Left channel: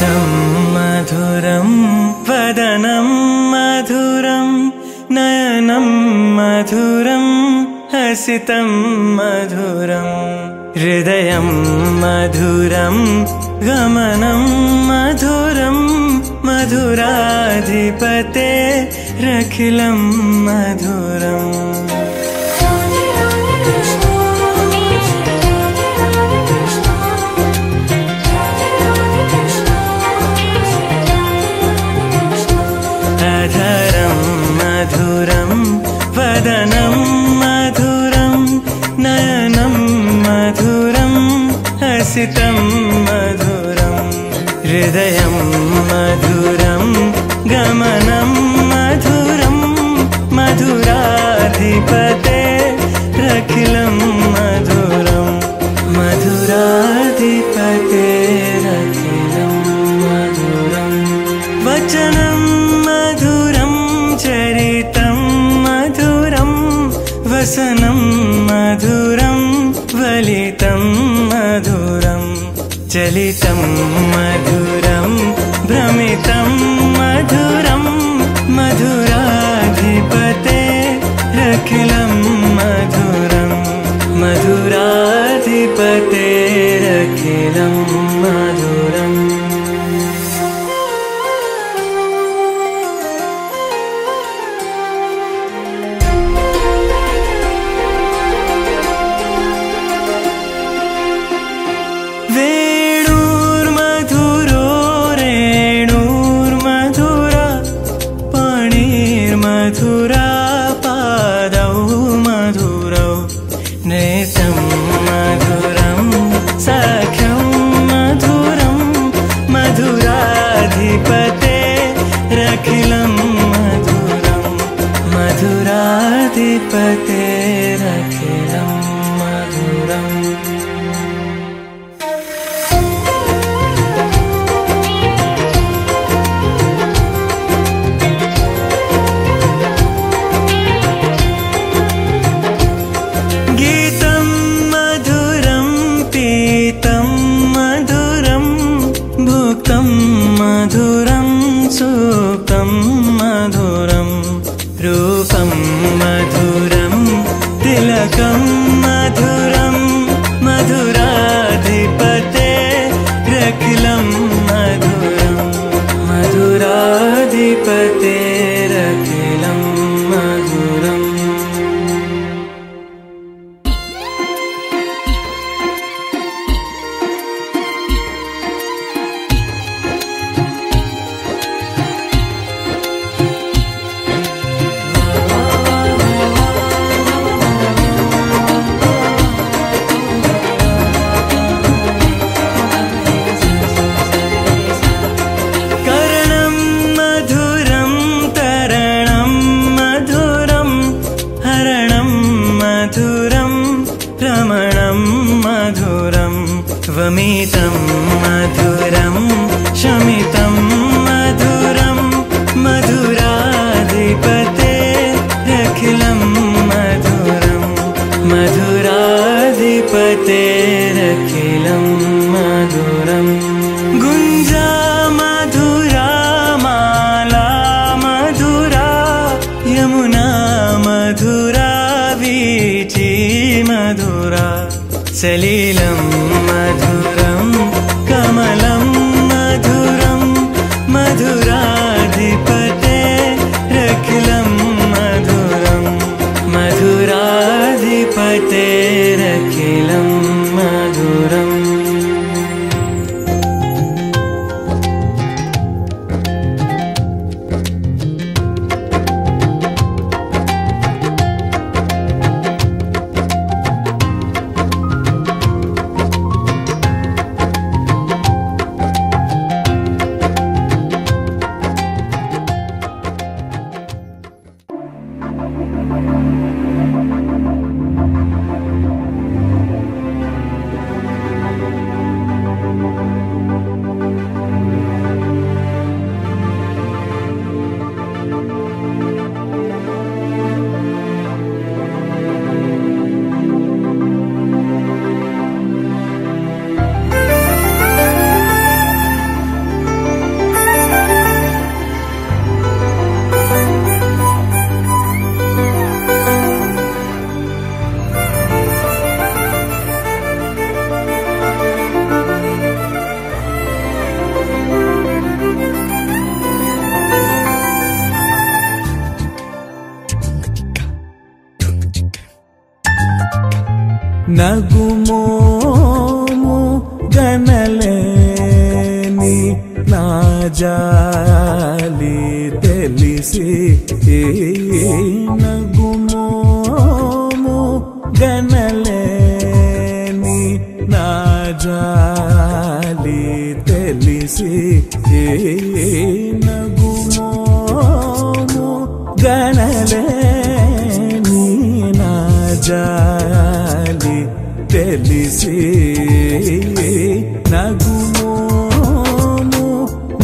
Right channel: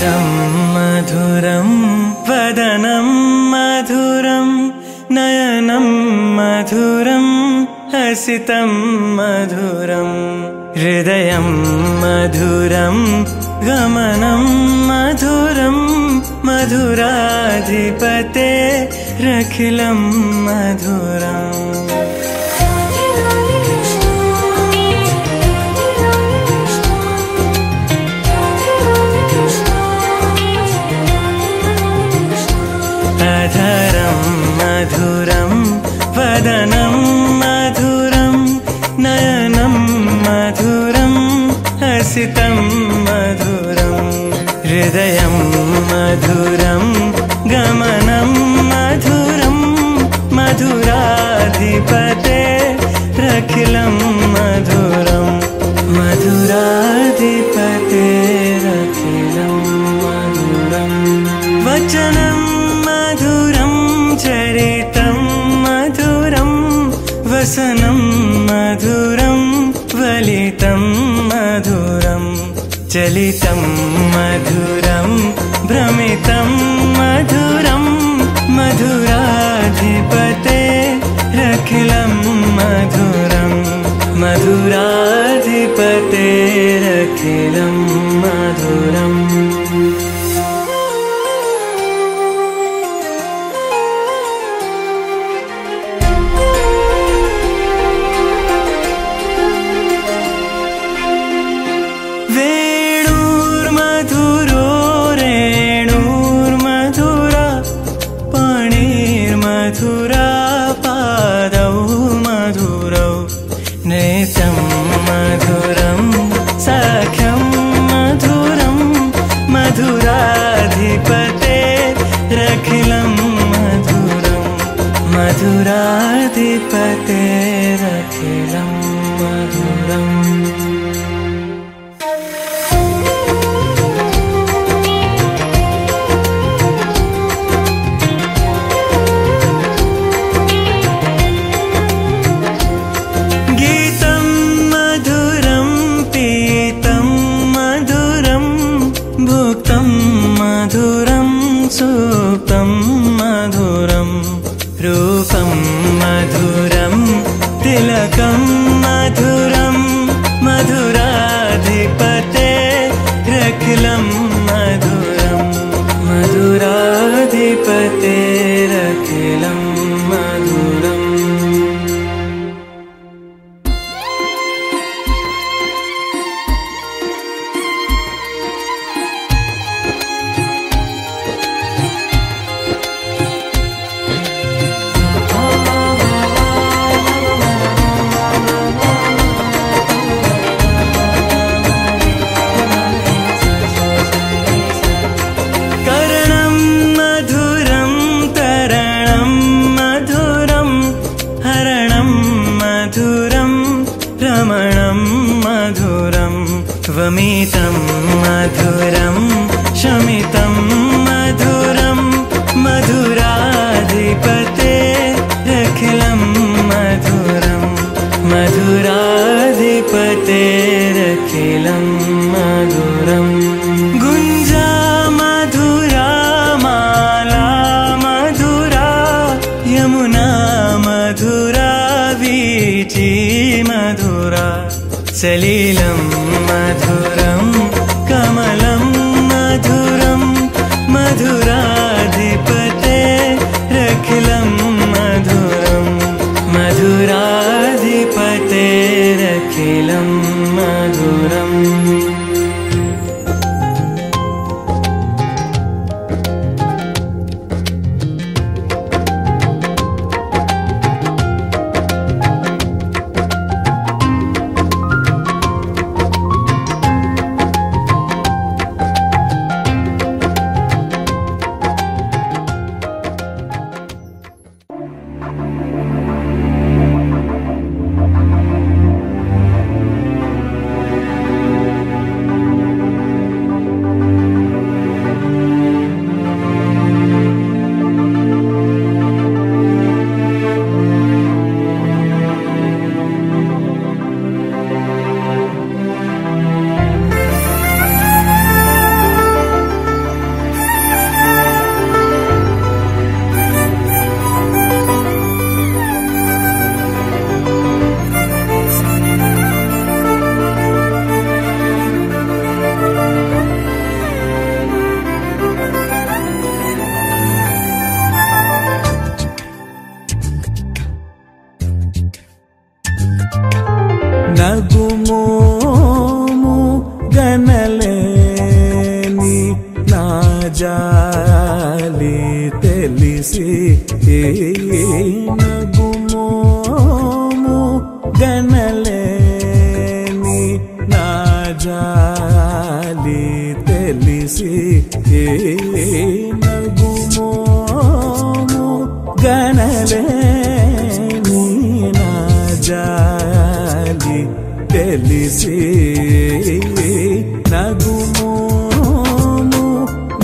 स्वरं मधुरं वदनं मधुरं नयनं मधुरं हसितं मधुरं हृदयं मधुरं गमनं मधुरं मधुराधिपतेरखिलं मधुरम् अधरं मधुरं वदनं मधुरं नयनं मधुरं हसितं मधुरं हृदयं मधुरं गमनं मधुरं मधुराधिपतेरखिलं मधुरं मधुराधिपतेरखिलं मधुरं वचनं मधुरं चरितं मधुरं वसनं मधुरं वलितं मधुरं चलितं मधुरं भ्रमितं मधुरं मधुराधिपतेरखिलं मधुरं मधुराधिपतेरखिलं मधुरम् वेणुर्मधुरो रेणुर्मधुरा पाणिर्मधुरा पादौ मधुरौ नेतं मधुरं सख्यं मधुरं मधुराधिपतेरखिलं मधुरं मधुराधिपतेरखिलं मधुरम् गीतं मधुरं पीतं मधुरं भुक्तं मधुरं सुप्तं मधुरं रूपं मधुरं तिलकं मधुरं मधुराधिपतेरखिलं मधुरं मधुराधिपतेरखिलं मधुरम् करणं मधुरं तरणं मधुरं हरणं मधुरं रमणं मधुरं वमितं मधुरं शमितं मधुरं मधुराधिपतेरखिलं मधुरं मधुराधिपतेरखिलं मधुरम् गुञ्जा मधुरा माला मधुरा यमुना मधुरा वीची मधुरा सलिलं मधुरं कमलं मधुरं मधुराधिपतेरखिलं मधुरं मधुराधिपतेरखिलं मधुरम् నగుమోము గనలేని నా జాలి తెలిసి నగుమోము గనలేని నా జాలి తెలిసి నగుమోము గనలేని నా జాలి తెలిసి నగుమోము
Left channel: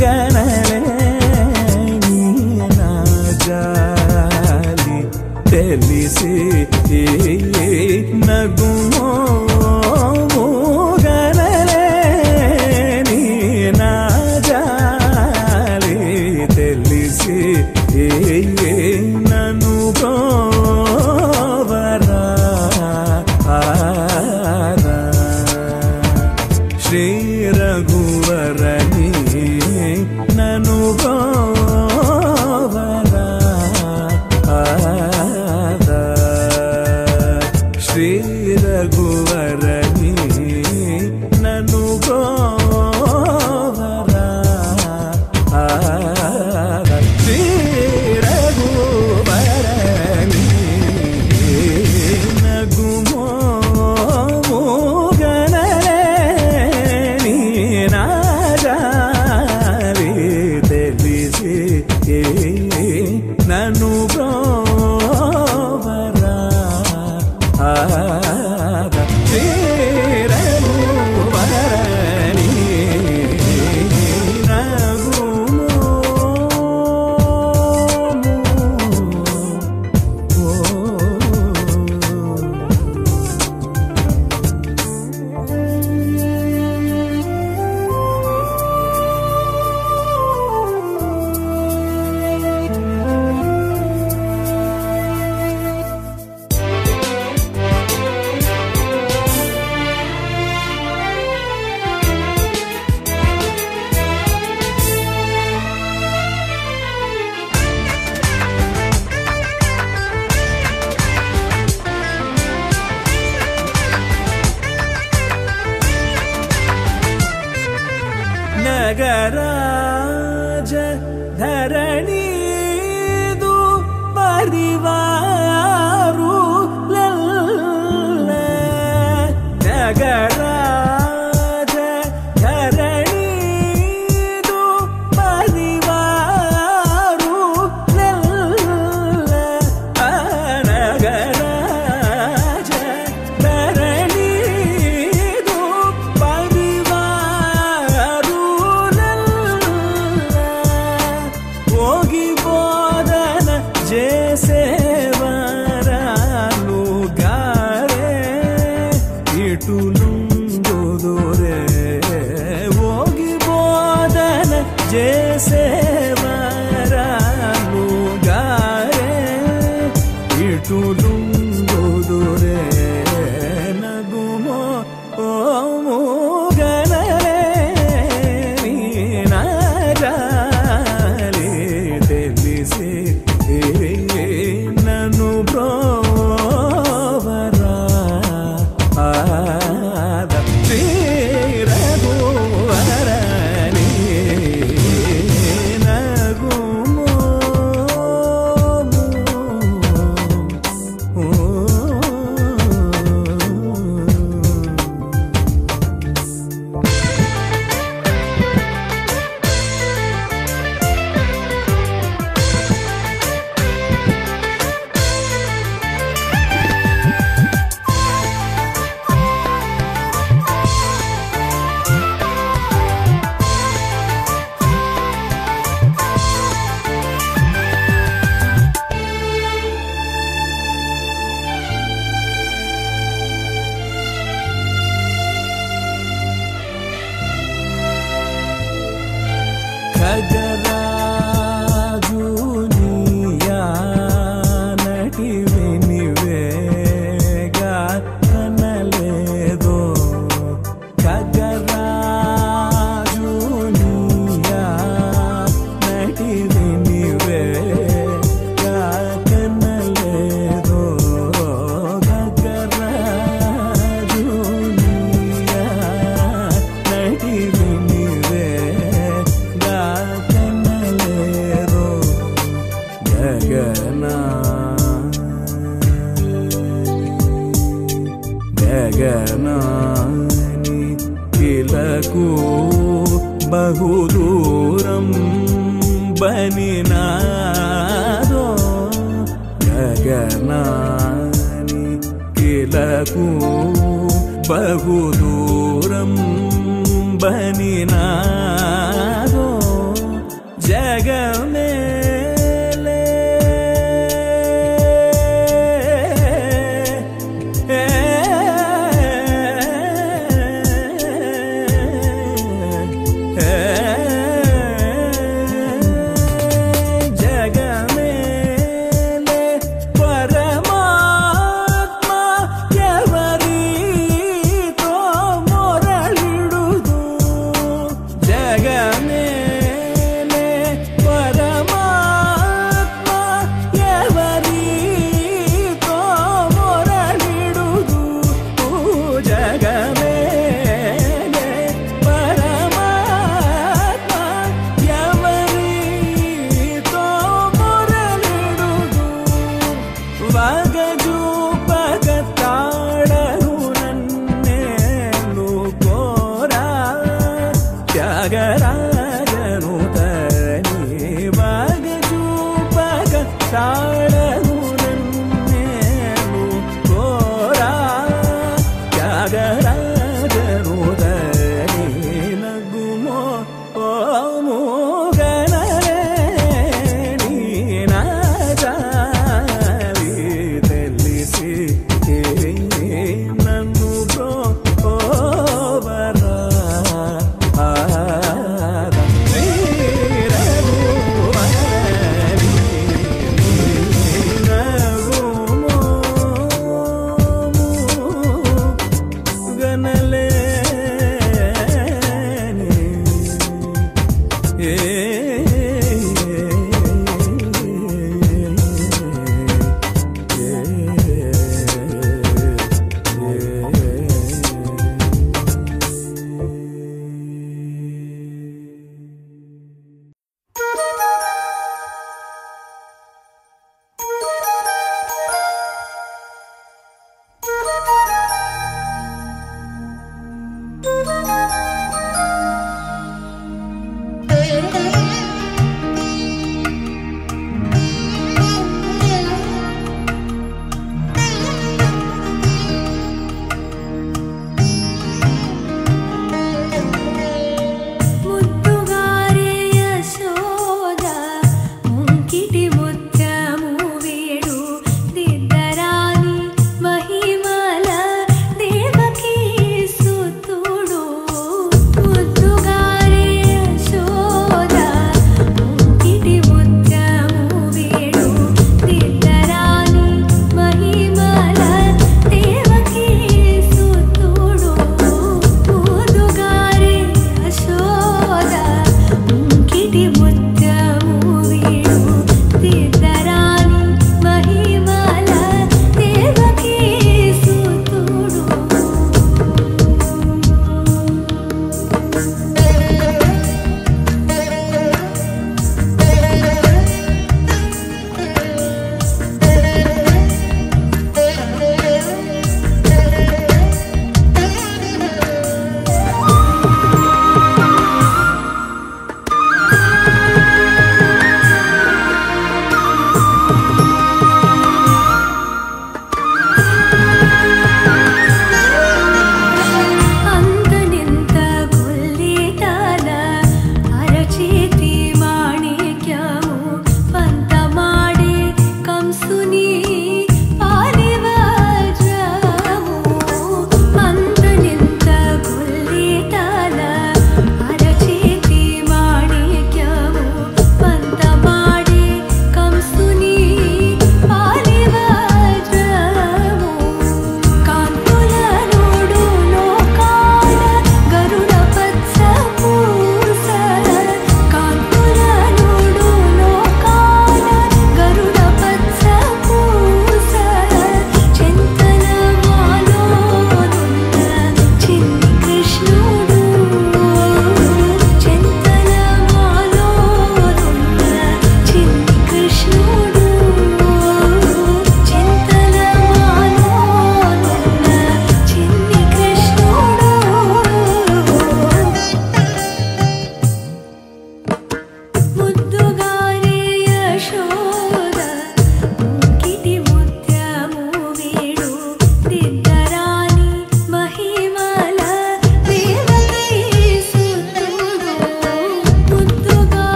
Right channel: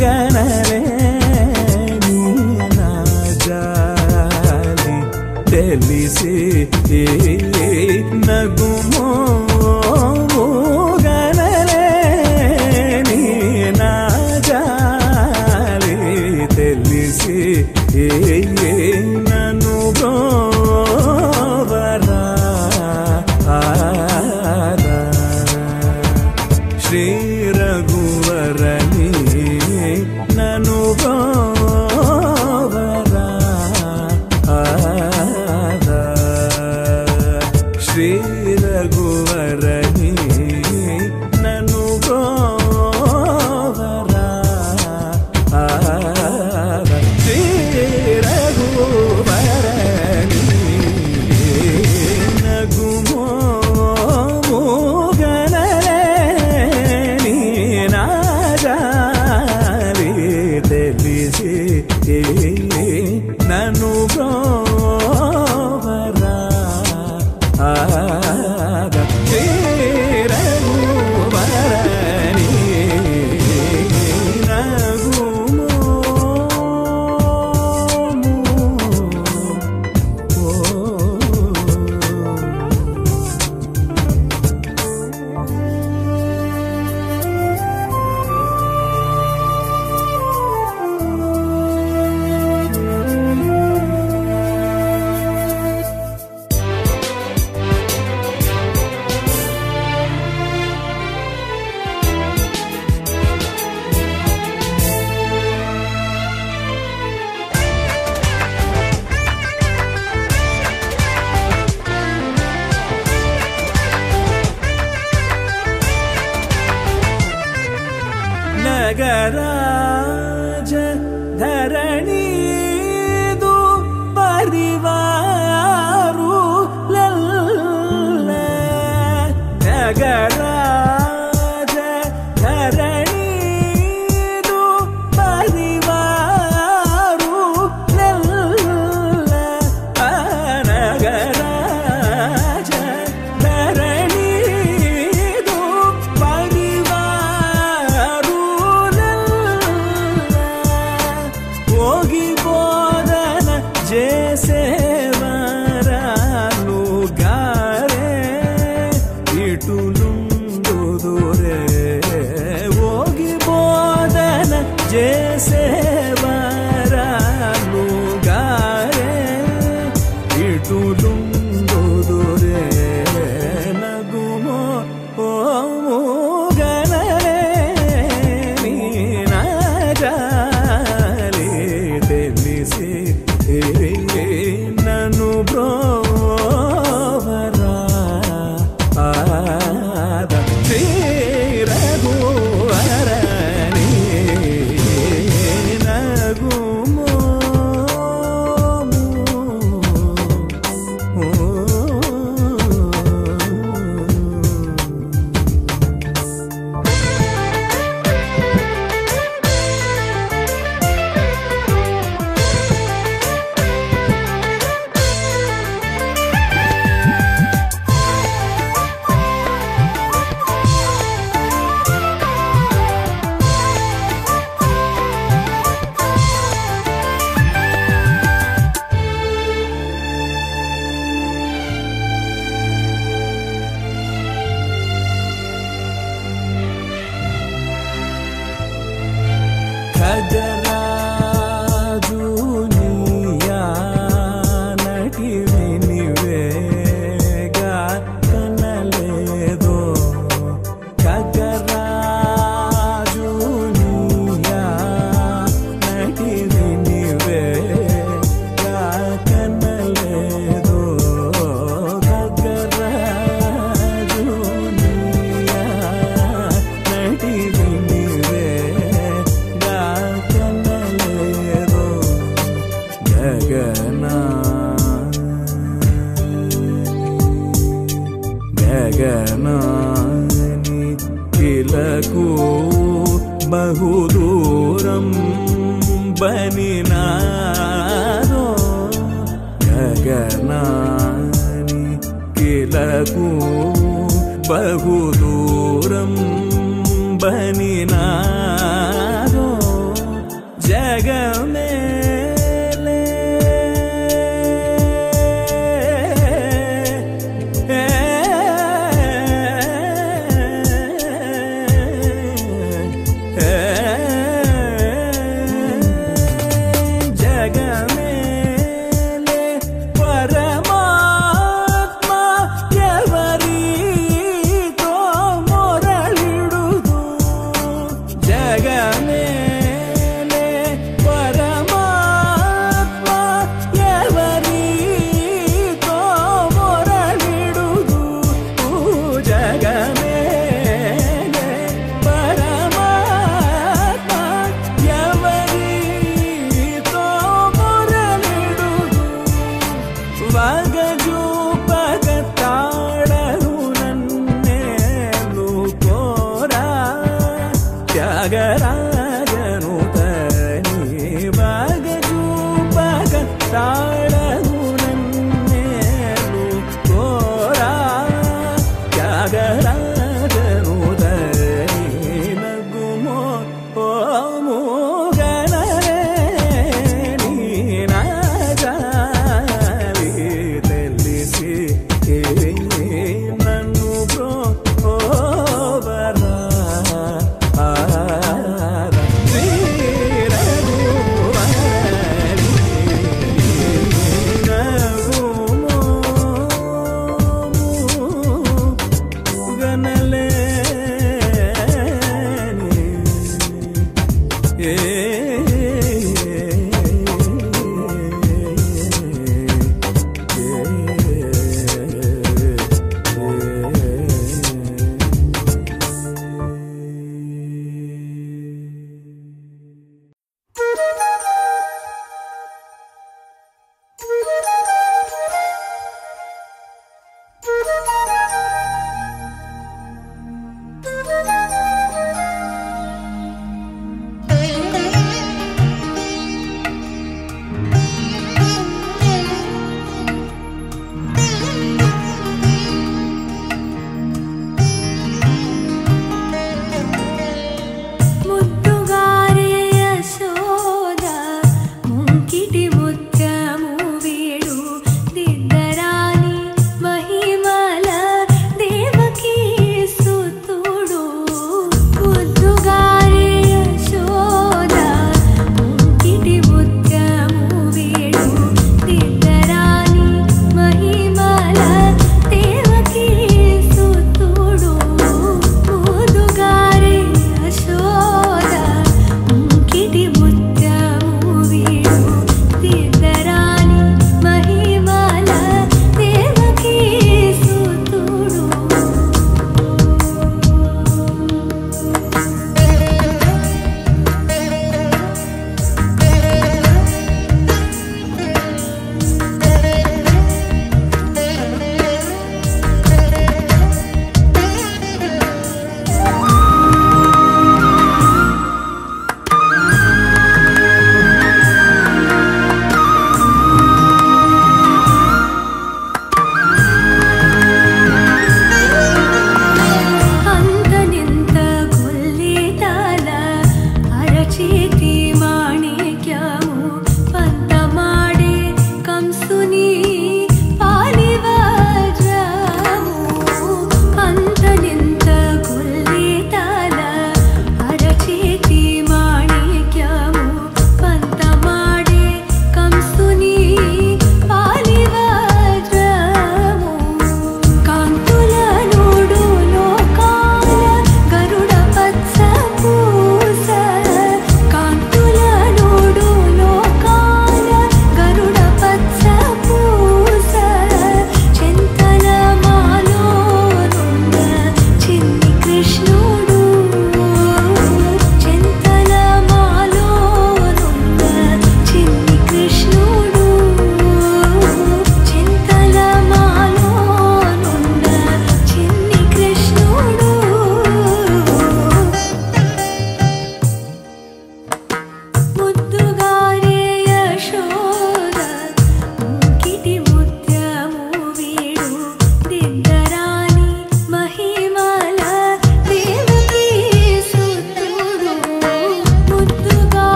గనలేని నా జాలి తెలిసి నగుమోము గనలేని నా జాలి తెలిసి నన్ను బ్రోవరా శ్రీ రఘువరని నన్ను బ్రోవరా శ్రీ రఘువరని నన్ను బ్రోవరా శ్రీ రఘువరని నగుమోము గనలేని నా జాలి తెలిసి నన్ను బ్రోవరా శ్రీ రఘువరని ನಗರಾಜ ಧರಣಿದು ಪರಿವಾರು ಲಲ್ಲ ನಗರಾಜ ಧರಣಿದು ಪರಿವಾರು ಲಲ್ಲ ನಗರಾಜ ಧರಣಿದು ಪರಿವಾರು ಹೋಗಿ ಬೋಧನ ಜೇಸೇವರಾಲು ಗಾರೆ ಇಟುಲುಂದುದುರೆ ಹೋಗಿ ಬೋಧನ ಜೇಸೇವರಾಲು ಗಾರೆ ಇಟುಲುಂದುದುರೆ ನಗುಮೋ ಓಮು ಗನಲೆ ನೀನಾ ಜಾಲಿ తెలిసి నన్ను బ్రోవరా శ్రీ రఘువరని నగుమోము ఖగరాజునియా నటి వినివేగా కనలేదో ఖగరాజునియా నటి వినివేగా కనలేదో ఖగరాజ గగనాని కిలకు బహుదూరం బనినాదో గగనాని కిలకు బహుదూరం బనినాదో జగమేలే జగమేలే పరమాత్మ ఎవరితో మొరళిడుదు జగమేలే పరమాత్మ ఎవరితో మొరళిడుదు జగమేలే పరమాత్మ ఎవరితో మొరళిడుదు వగజూపగతాడను నన్నేలు కోరా త్యాగరాజను తని వగజూపగతాడను నన్నేలు కోరా త్యాగరాజను తని నగుమో ఓము గనరే నీ నాజావి తెలిసి నన్ను బ్రోవరా శ్రీ రఘువర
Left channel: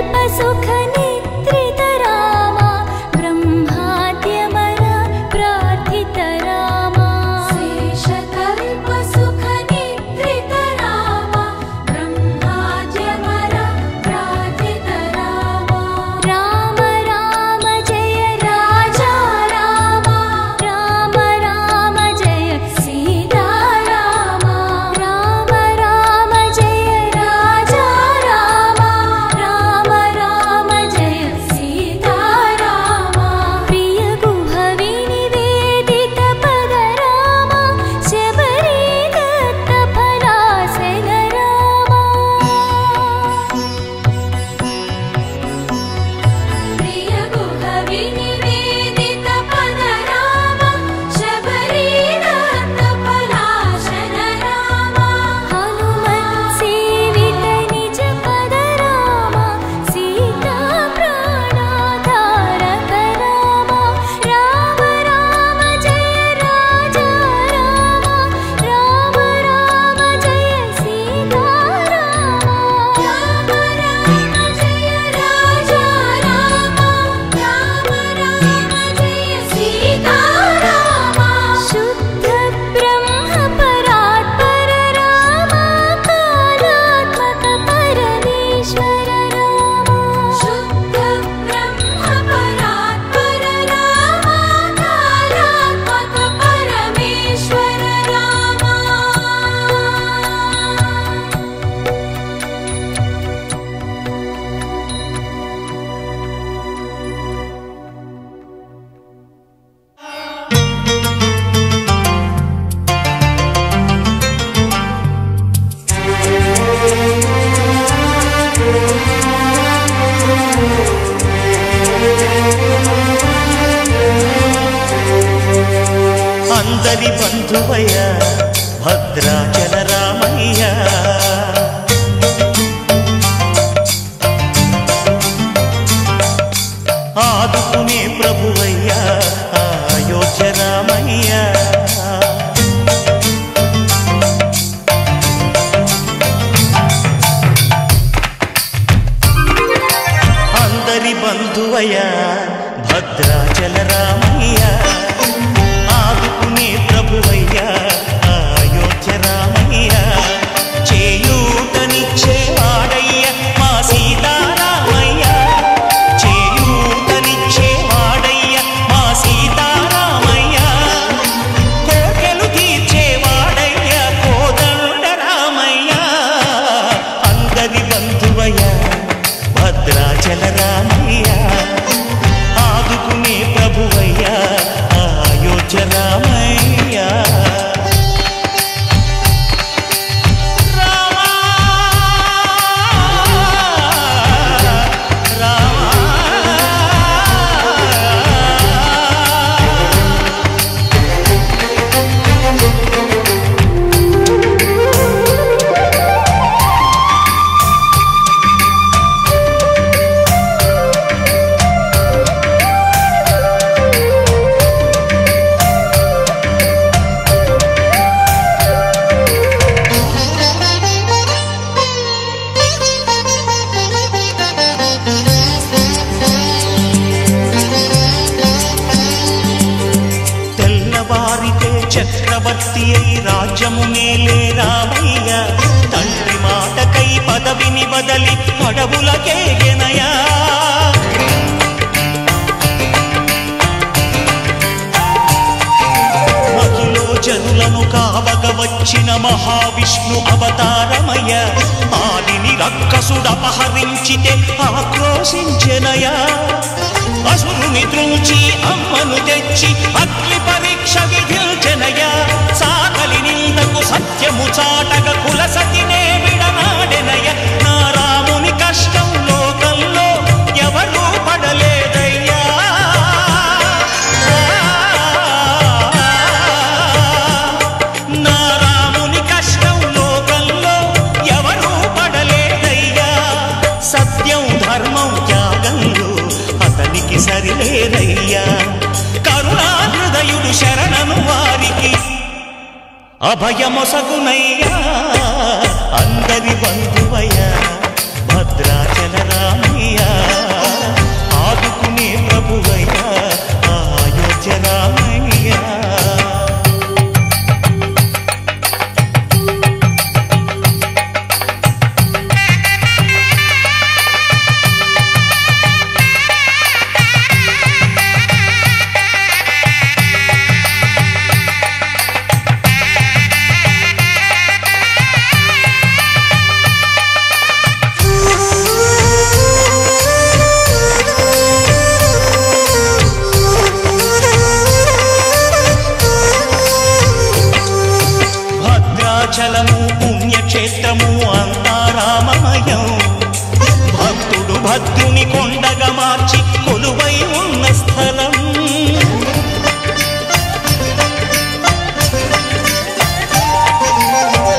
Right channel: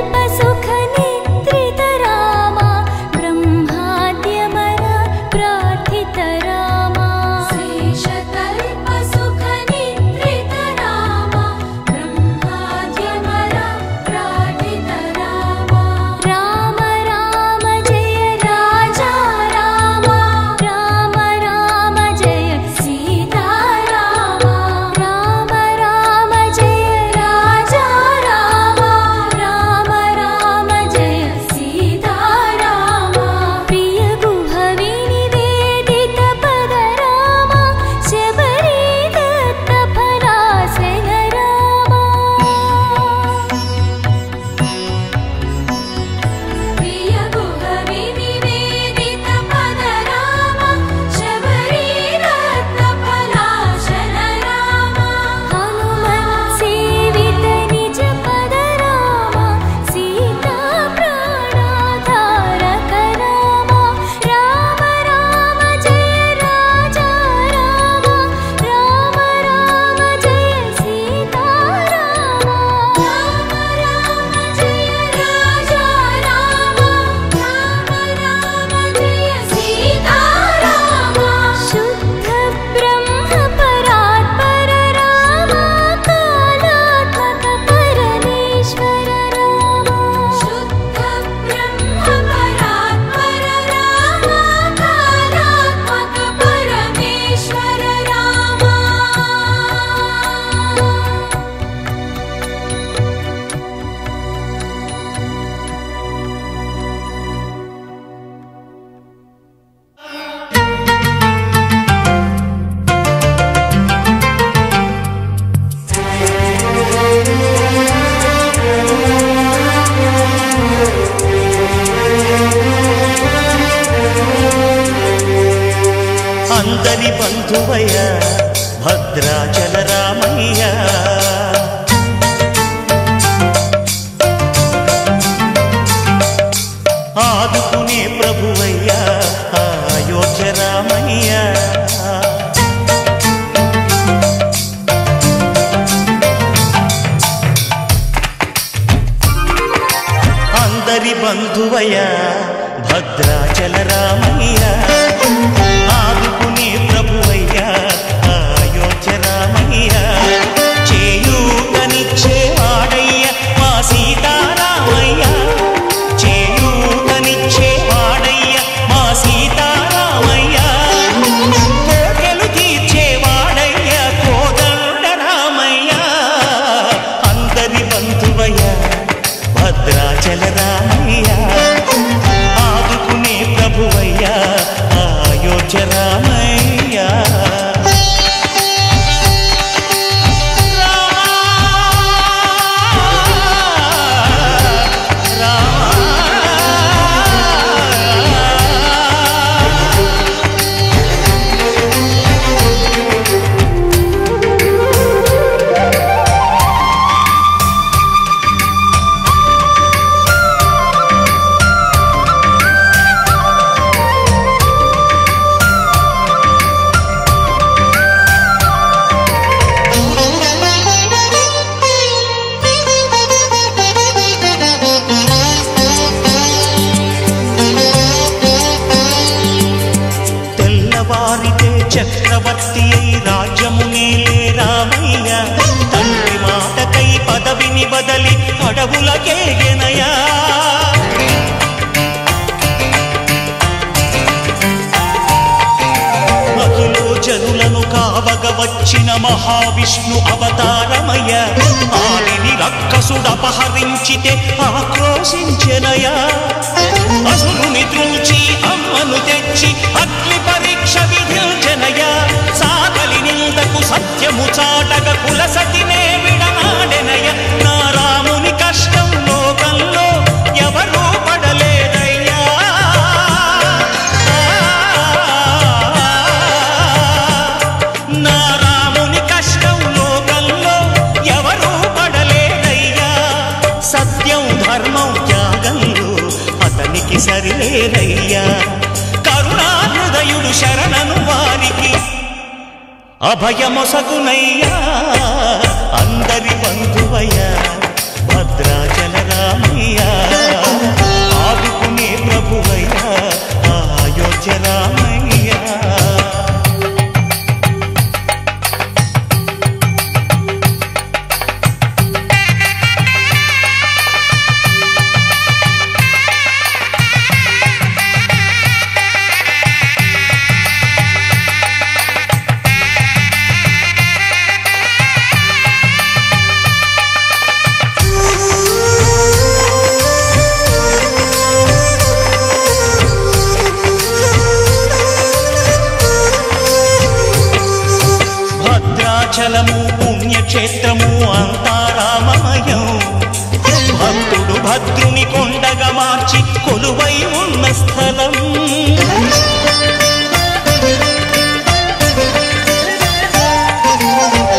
शेषतल्पसुखनिद्रित रामा ब्रह्माद्यमर प्रार्थित रामा शेषतल्पसुखनिद्रित रामा ब्रह्माद्यमर प्रार्थित रामा राम राम जय राजा रामा राम राम जय सीता रामा राम राम जय राजा रामा राम राम जय सीता रामा प्रिय गुह विनिवेदित पद रामा शबरी दत्त फलासन रामा प्रिय गुह विनिवेदित पद रामा शबरी दत्त फलासन रामा हनुमत् सेवित निज पद रामा सीता प्राणाधारक रामा राम राम जय राजा रामा राम राम जय सीता रामा राम राम जय राजा रामा राम राम जय सीता रामा शुद्ध ब्रह्म परात्पर रामा कालात्मक परमेश्वर रामा शुद्ध ब्रह्म परात्पर रामा कालात्मक परमेश्वर रामा అందరి బంధువయ్య భద్రాచల రామయ్య ఆదుకునే ప్రభువయ్య అయోధ్య రామయ్య అందరి బంధువయ్య భద్రాచల రామయ్య ఆదుకునే ప్రభువయ్య అయోధ్య రామయ్య చేయూతనిచ్చేవాడయ్య మా సీతారామయ్య చేయూతనిచ్చేవాడయ్య మా సీతారామయ్య కోర్కెలు తీర్చేవాడయ్య కోదండ రామయ్య అందరి బంధువయ్య భద్రాచల రామయ్య ఆదుకునే ప్రభువయ్య అయోధ్య రామయ్య రామా రామా తెల్లవారితే చక్రవర్తి అయి రాజ్యమునేలే రామయ్య తండ్రి మాటకై పదవిని బదలి అడవులకేగెనయా మహిలో జనులను కావగ వచ్చిన మహావిష్ణు అవతారమయ్య ఆలిని రక్కసుడపహరించితే ఆక్రోశించెనయా అసురుని త్రుంచి అమ్మను తెచ్చి అగ్ని పరీక్ష విధించెనయ సాగలి నిందకు సత్యము చాటగ కులసతినే విడనాడెనయ నా రాముని కష్టం లోకంలో ఎవరూ పడలేదయ్యా నా రాముని కష్టం లోకంలో ఎవరూ పడలేదయ్యా సత్యం ధర్మం త్యాగంలో అతనికి సరిలేరయ్యా కరుణా హృదయుడు శరణను వారికి అభయమొసగునయ్యా అందరి బంధువయ్యా భద్రాచల రామయ్య ఆదుకునే ప్రభువయ్యా అయోధ్య రామయ్య. భద్రాచలము పుణ్యక్షేత్రము అంతా రామమయం. భక్తుడు భద్రుని కొండగా మార్చి కొలువై ఉన్న స్థలం.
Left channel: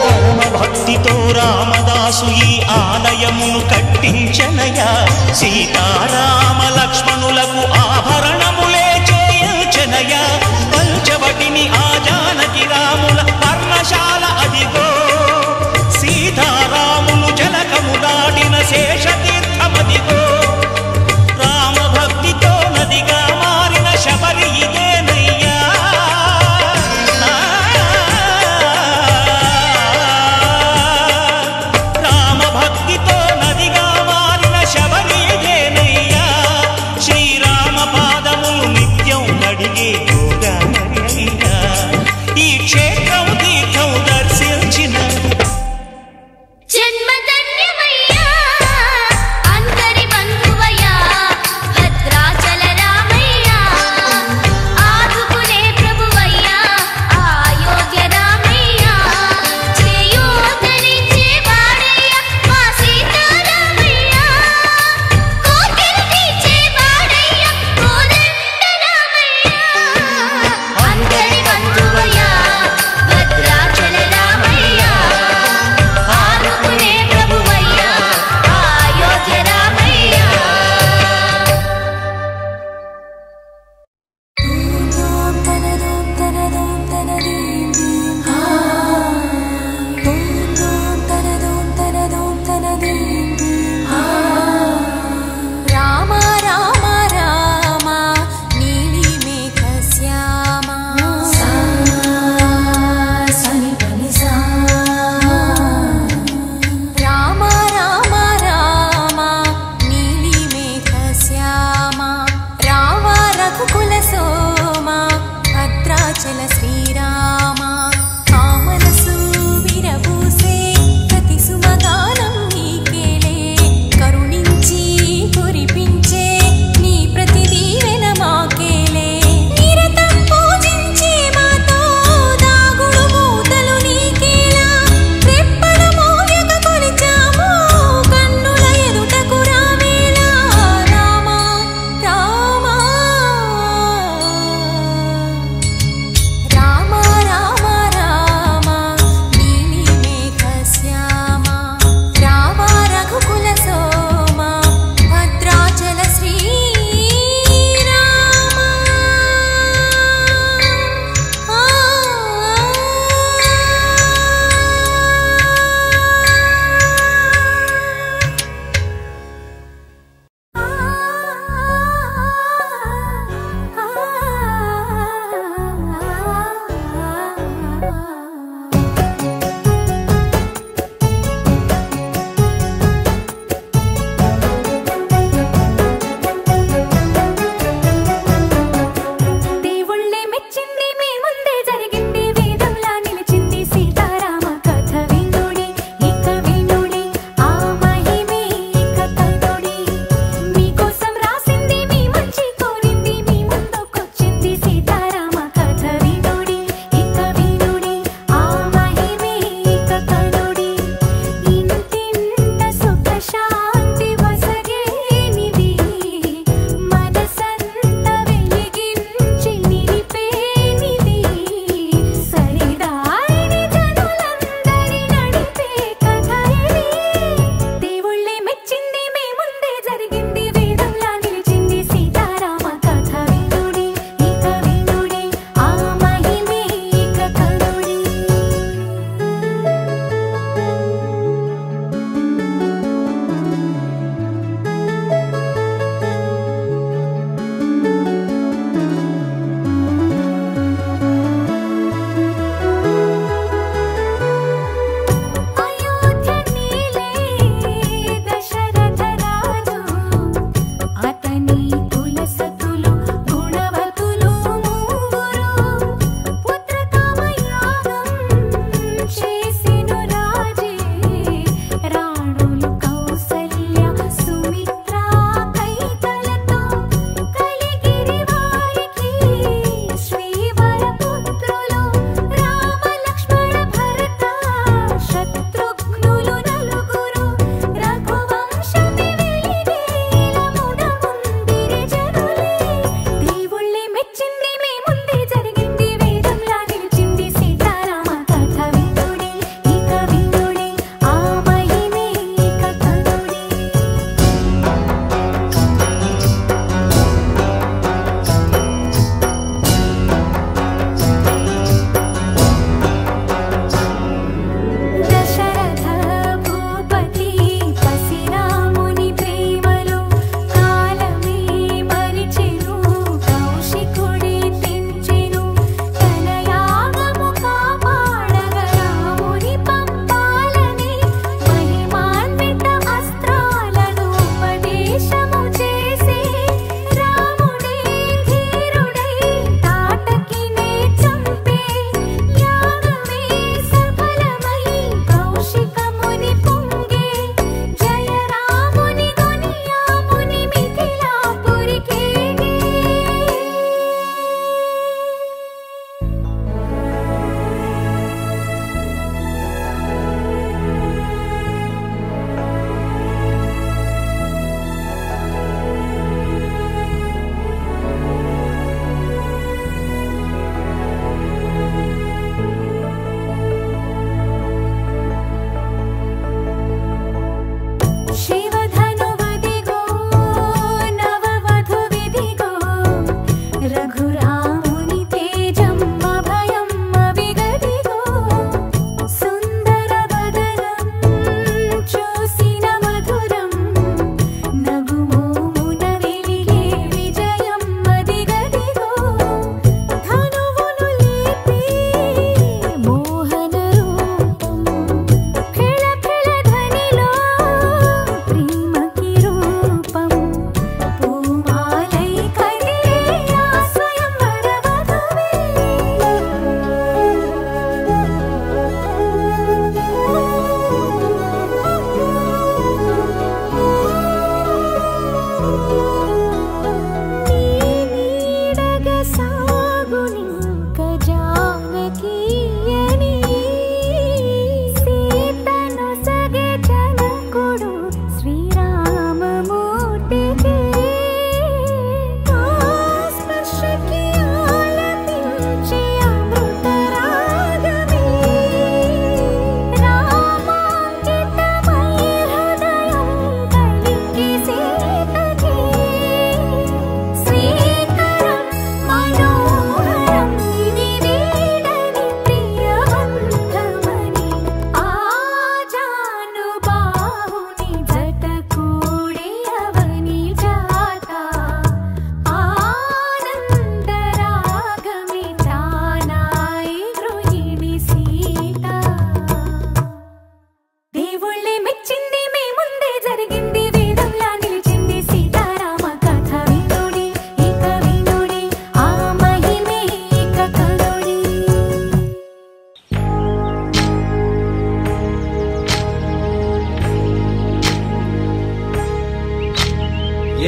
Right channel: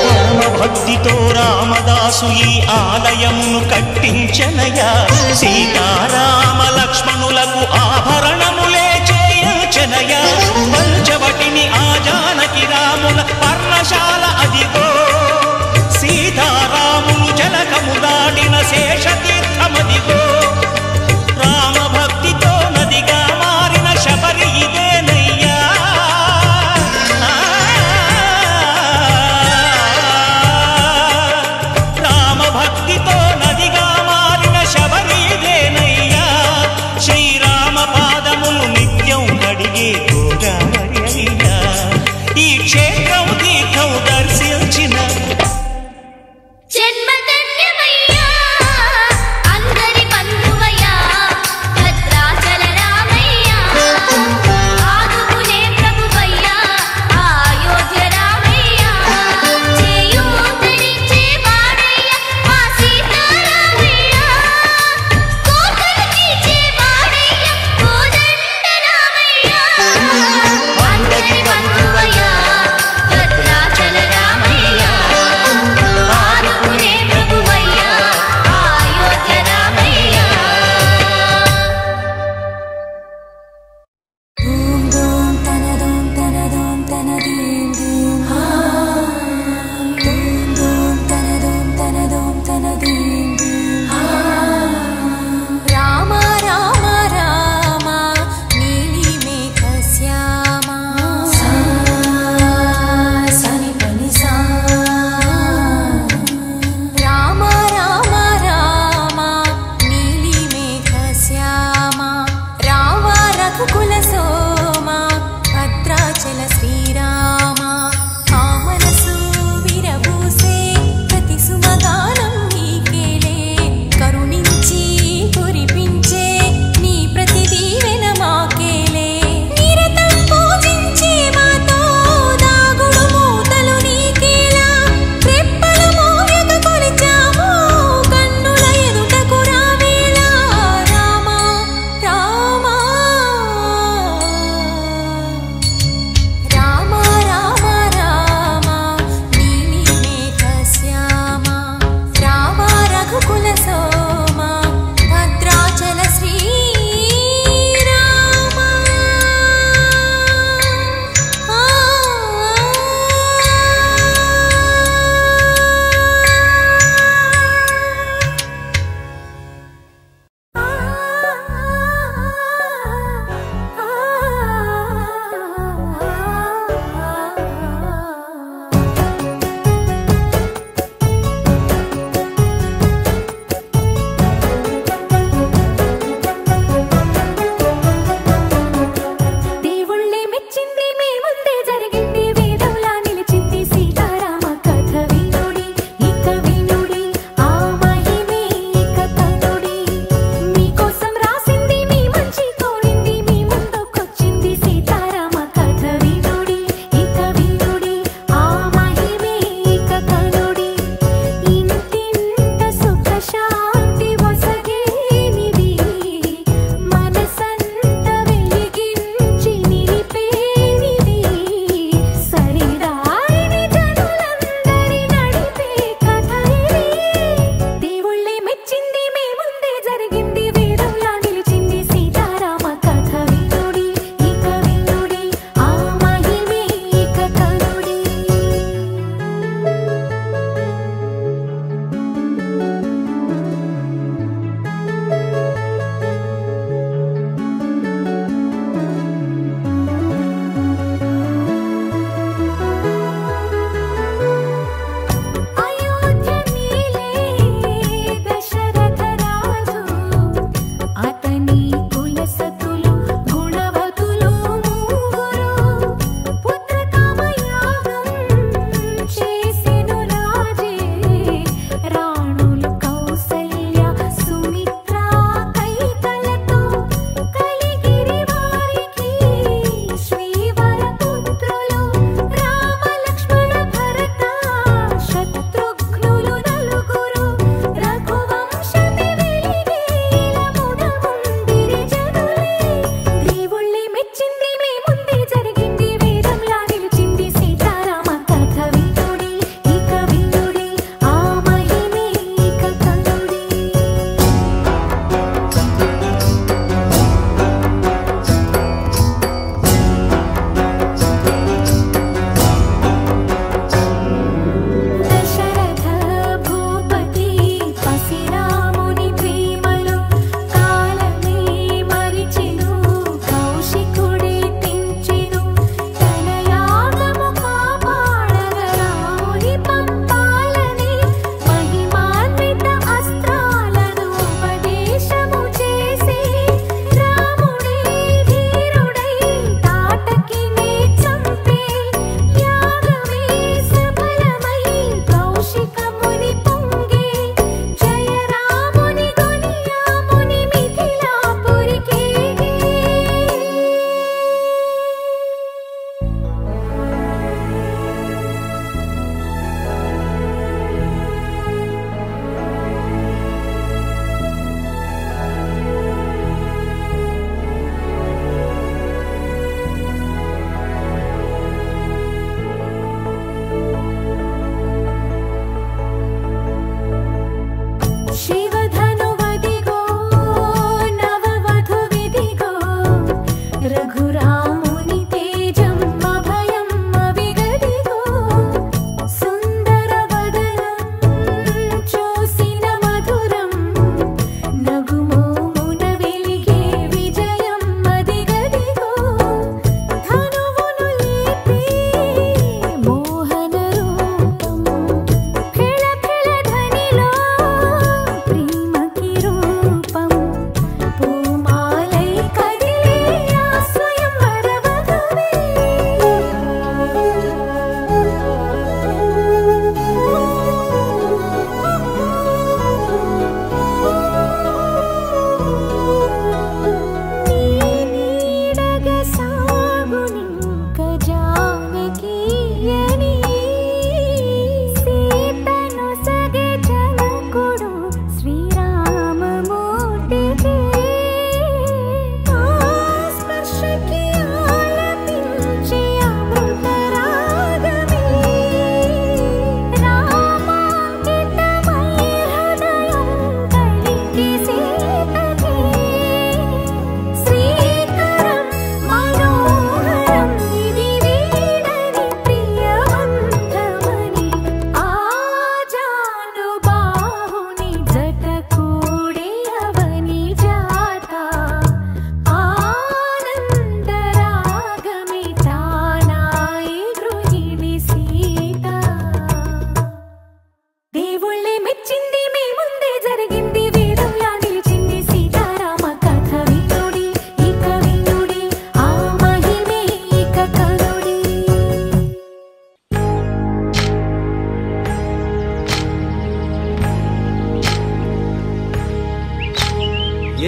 పరమ భక్తితో రామదాసు ఈ ఆలయమును కట్టించనయా. సీతారామ లక్ష్మణులకు ఆభరణములే చేయించనయా. పంచవటిని ఆ జానకి రాముల పర్ణశాల అదిగో. సీతారాములు జలకములాడిన శేషతీర్థమదిగో. రామభక్తితో నదిగా మారిన శబరి ఇదేనయ్యా. రామభక్తితో నదిగా మారిన శబరి ఇదేనయ్యా. శ్రీరామ పాదములు నిత్యం కడిగే గోదావరి అయ్యా. ఈ క్షేత్రం తీర్థం దర్శించిన జన్మధన్యమయ్యా. అందరి బంధువయ్యా భద్రాచల రామయ్యా. ఆదుకునే ప్రభువయ్యా అయోధ్య రామయ్యా. చేయూతనిచ్చే వాడయ్యా మా సీతారామయ్యా. కోటలు తీర్చే వాడయ్యా కోదండ రామయ్యా. అందరి బంధువయ్యా భద్రాచల రామయ్య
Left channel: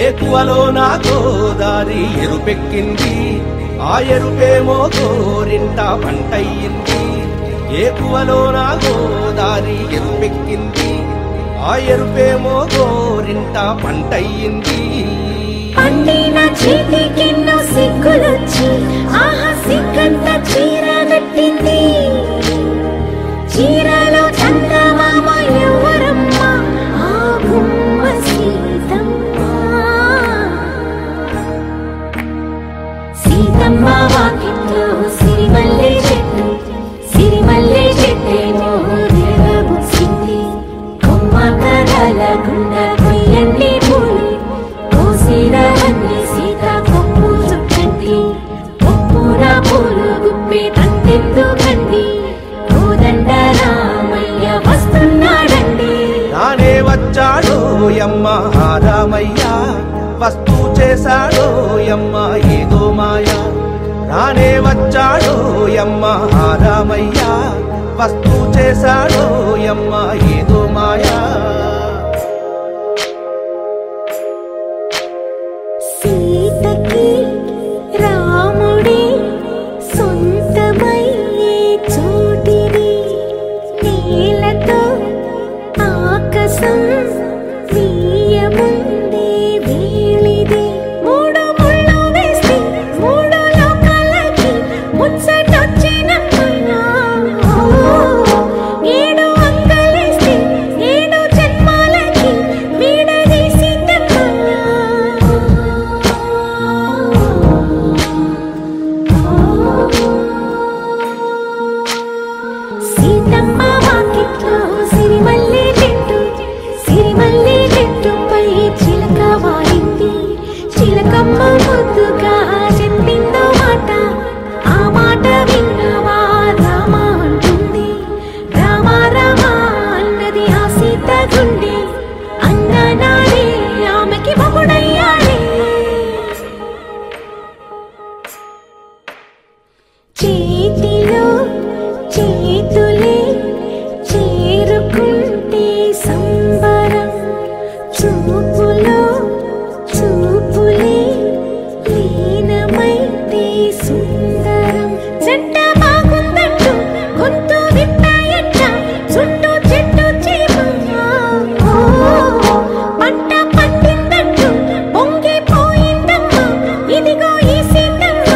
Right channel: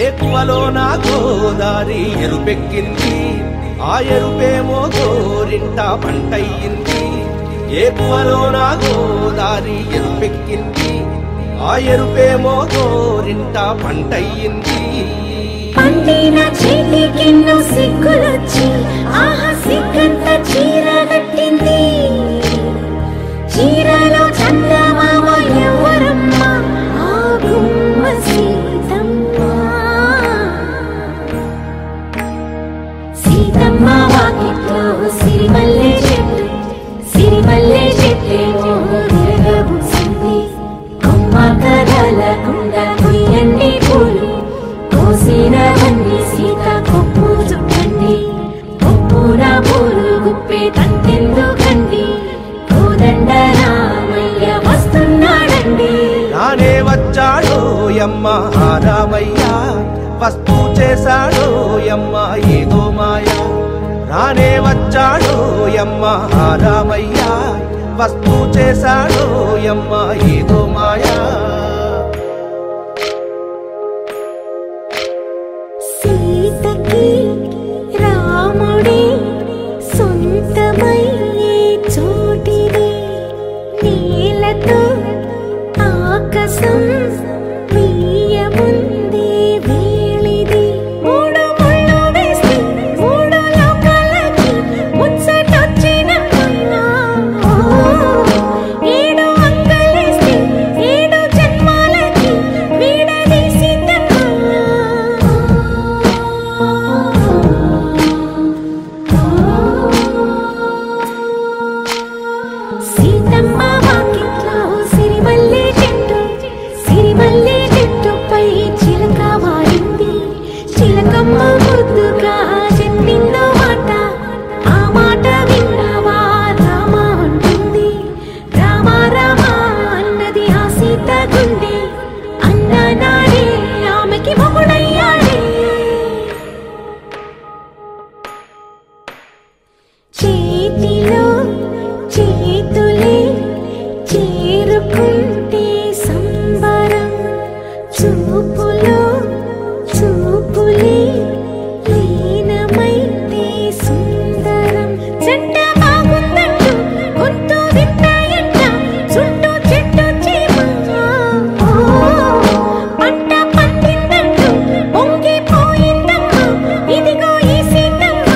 ఏకువలో నా గోదారి ఎరుపెక్కింది, ఆ ఎరుపేమో గోరింట పంటయ్యింది. ఏకువలో నా గోదారి ఎరుపెక్కింది, ఆ ఎరుపేమో గోరింట పంటయ్యింది. పండిన చేతికెన్నో సిగ్గులొచ్చి ఆహా సిగ్గంత చీర కట్టింది. చీరలో చందమామ ఎవరమ్మ, ఆ గుమ్మ సీతమ్మ. సీతమ్మ వాకిట్లో సిరిమల్లె చెట్టు, సిరిమల్లె చెట్టేమో విరగబూసింది. కొమ్మ కదలకుండా కొయ్యండి పూలు, కోసినవన్నీ సీత కొప్పు చుట్టండి. కొప్పున పూలు గుప్పే తంతెందుకండి, కోదండ రామయ్య వస్తున్నాడండి. రానే వచ్చాడో యమ్మ రామయ్య, వస్తూ చేశాడో యమ్మ ఏదో మాయా. రానే వచ్చాడో యమ్మ రామయ్య, వస్తూ చేశాడో యమ్మ ఏదో మాయా. సీతకి రాముడే సొంతమయ్యే చోటిది, నేలతో ఆకాశం వీయముందే వేళిది. మూడు ముళ్ళు వేస్తే మూడు లోకాలకి ముచ్చటొచ్చినమ్మా. ఏడు అంగలేస్తే ఏడు జన్మాలకి వీడదీసిద్దమ్మా. సీతమ్మ వాకిట్లో సిరిమల్లె చెట్టు, సిరిమల్లె చెట్టుపై చిలక వాలింది. చిలకమ్మ ముద్దుగా చెప్పిందో మాట, ఆ మాట విన్నవా రామ అంటుంది. రామ రామ అన్నది ఆ సీత గుండె, అన్ననాడే ఆమెకి మొగుడయ్యాడే. చేతిలో చేతులే చేరుకుంటే సంబరం, చూపులో చూపులే లీనమైతే సుందరం. జంట బాగుందంటూ గొంతు విప్పాయంట చుట్టూ చెట్టు చీమ. పంట పండిందంటూ పొంగిపోయిందమ్మా, ఇదిగో ఈ సీతమ్మ.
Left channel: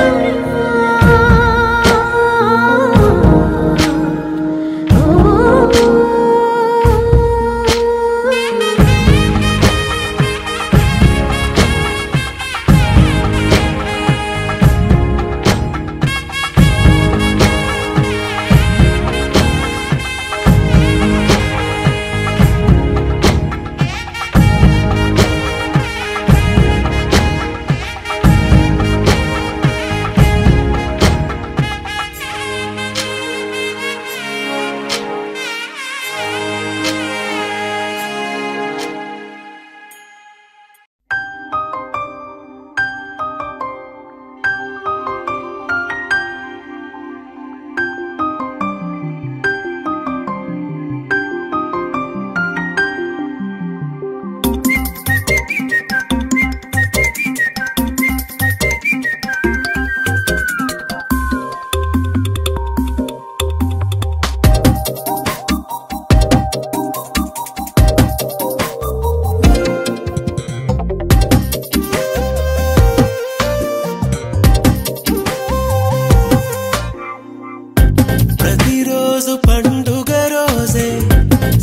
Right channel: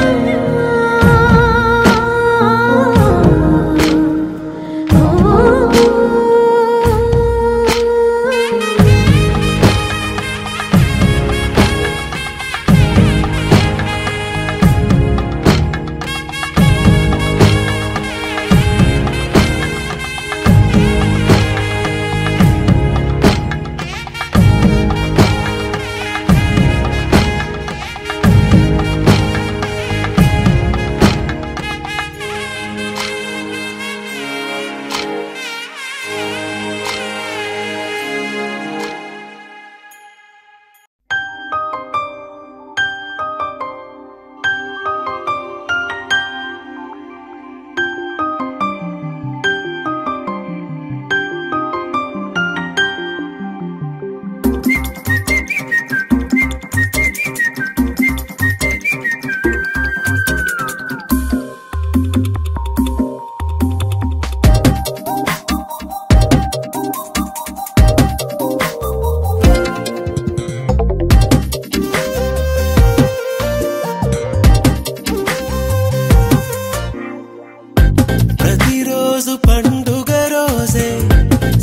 ప్రతిరోజు పండుగ రోజే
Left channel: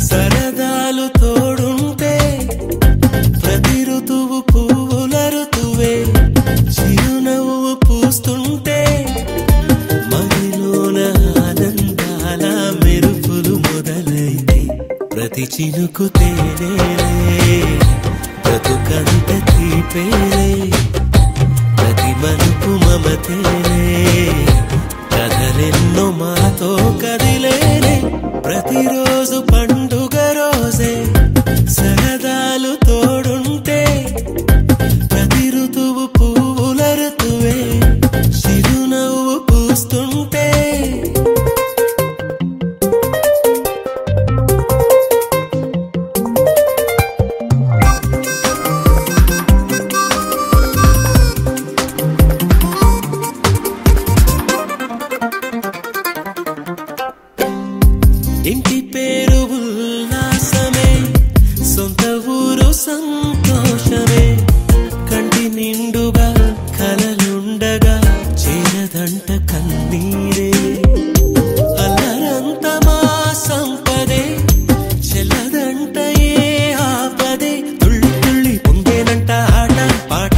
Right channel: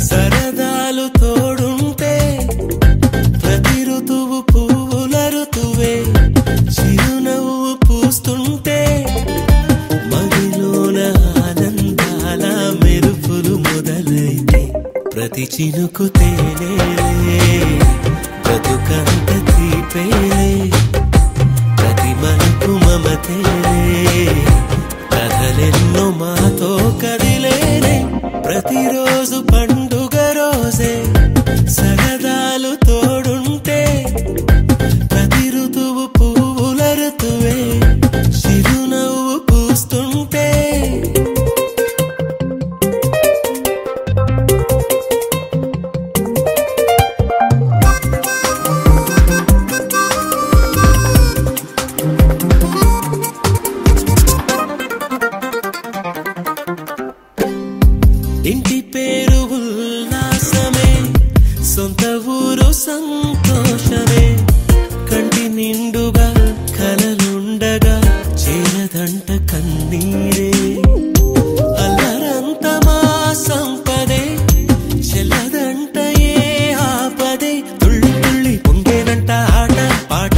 సరదాలు తోడుంటే, ప్రతి ఋతువు పువ్వుల ఋతువే చిరునవ్వు పూస్తుంటే, మదిలోన ఆనందాల మెరుపులు మొదలైతే, ప్రతి చినుకు తేనేలే బ్రతుకంత తీపేలే, ప్రతి మలుపు మమతేలే కథలెన్నో మాతో కదిలేనే. ప్రతిరోజు పండుగ రోజే సరదాలు తోడుంటే, ప్రతి ఋతువు పువ్వుల ఋతువే చిరునవ్వు పూస్తుంటే, సంతోషమే కంటి నిండుగా కలలుండగా చేరదంట కన్నీరే అల్లరంత మా సంపదే చెల్లదంట ఏ ఆపదే తుళ్ళి తుళ్ళి పొంగేనంట ఆట పాట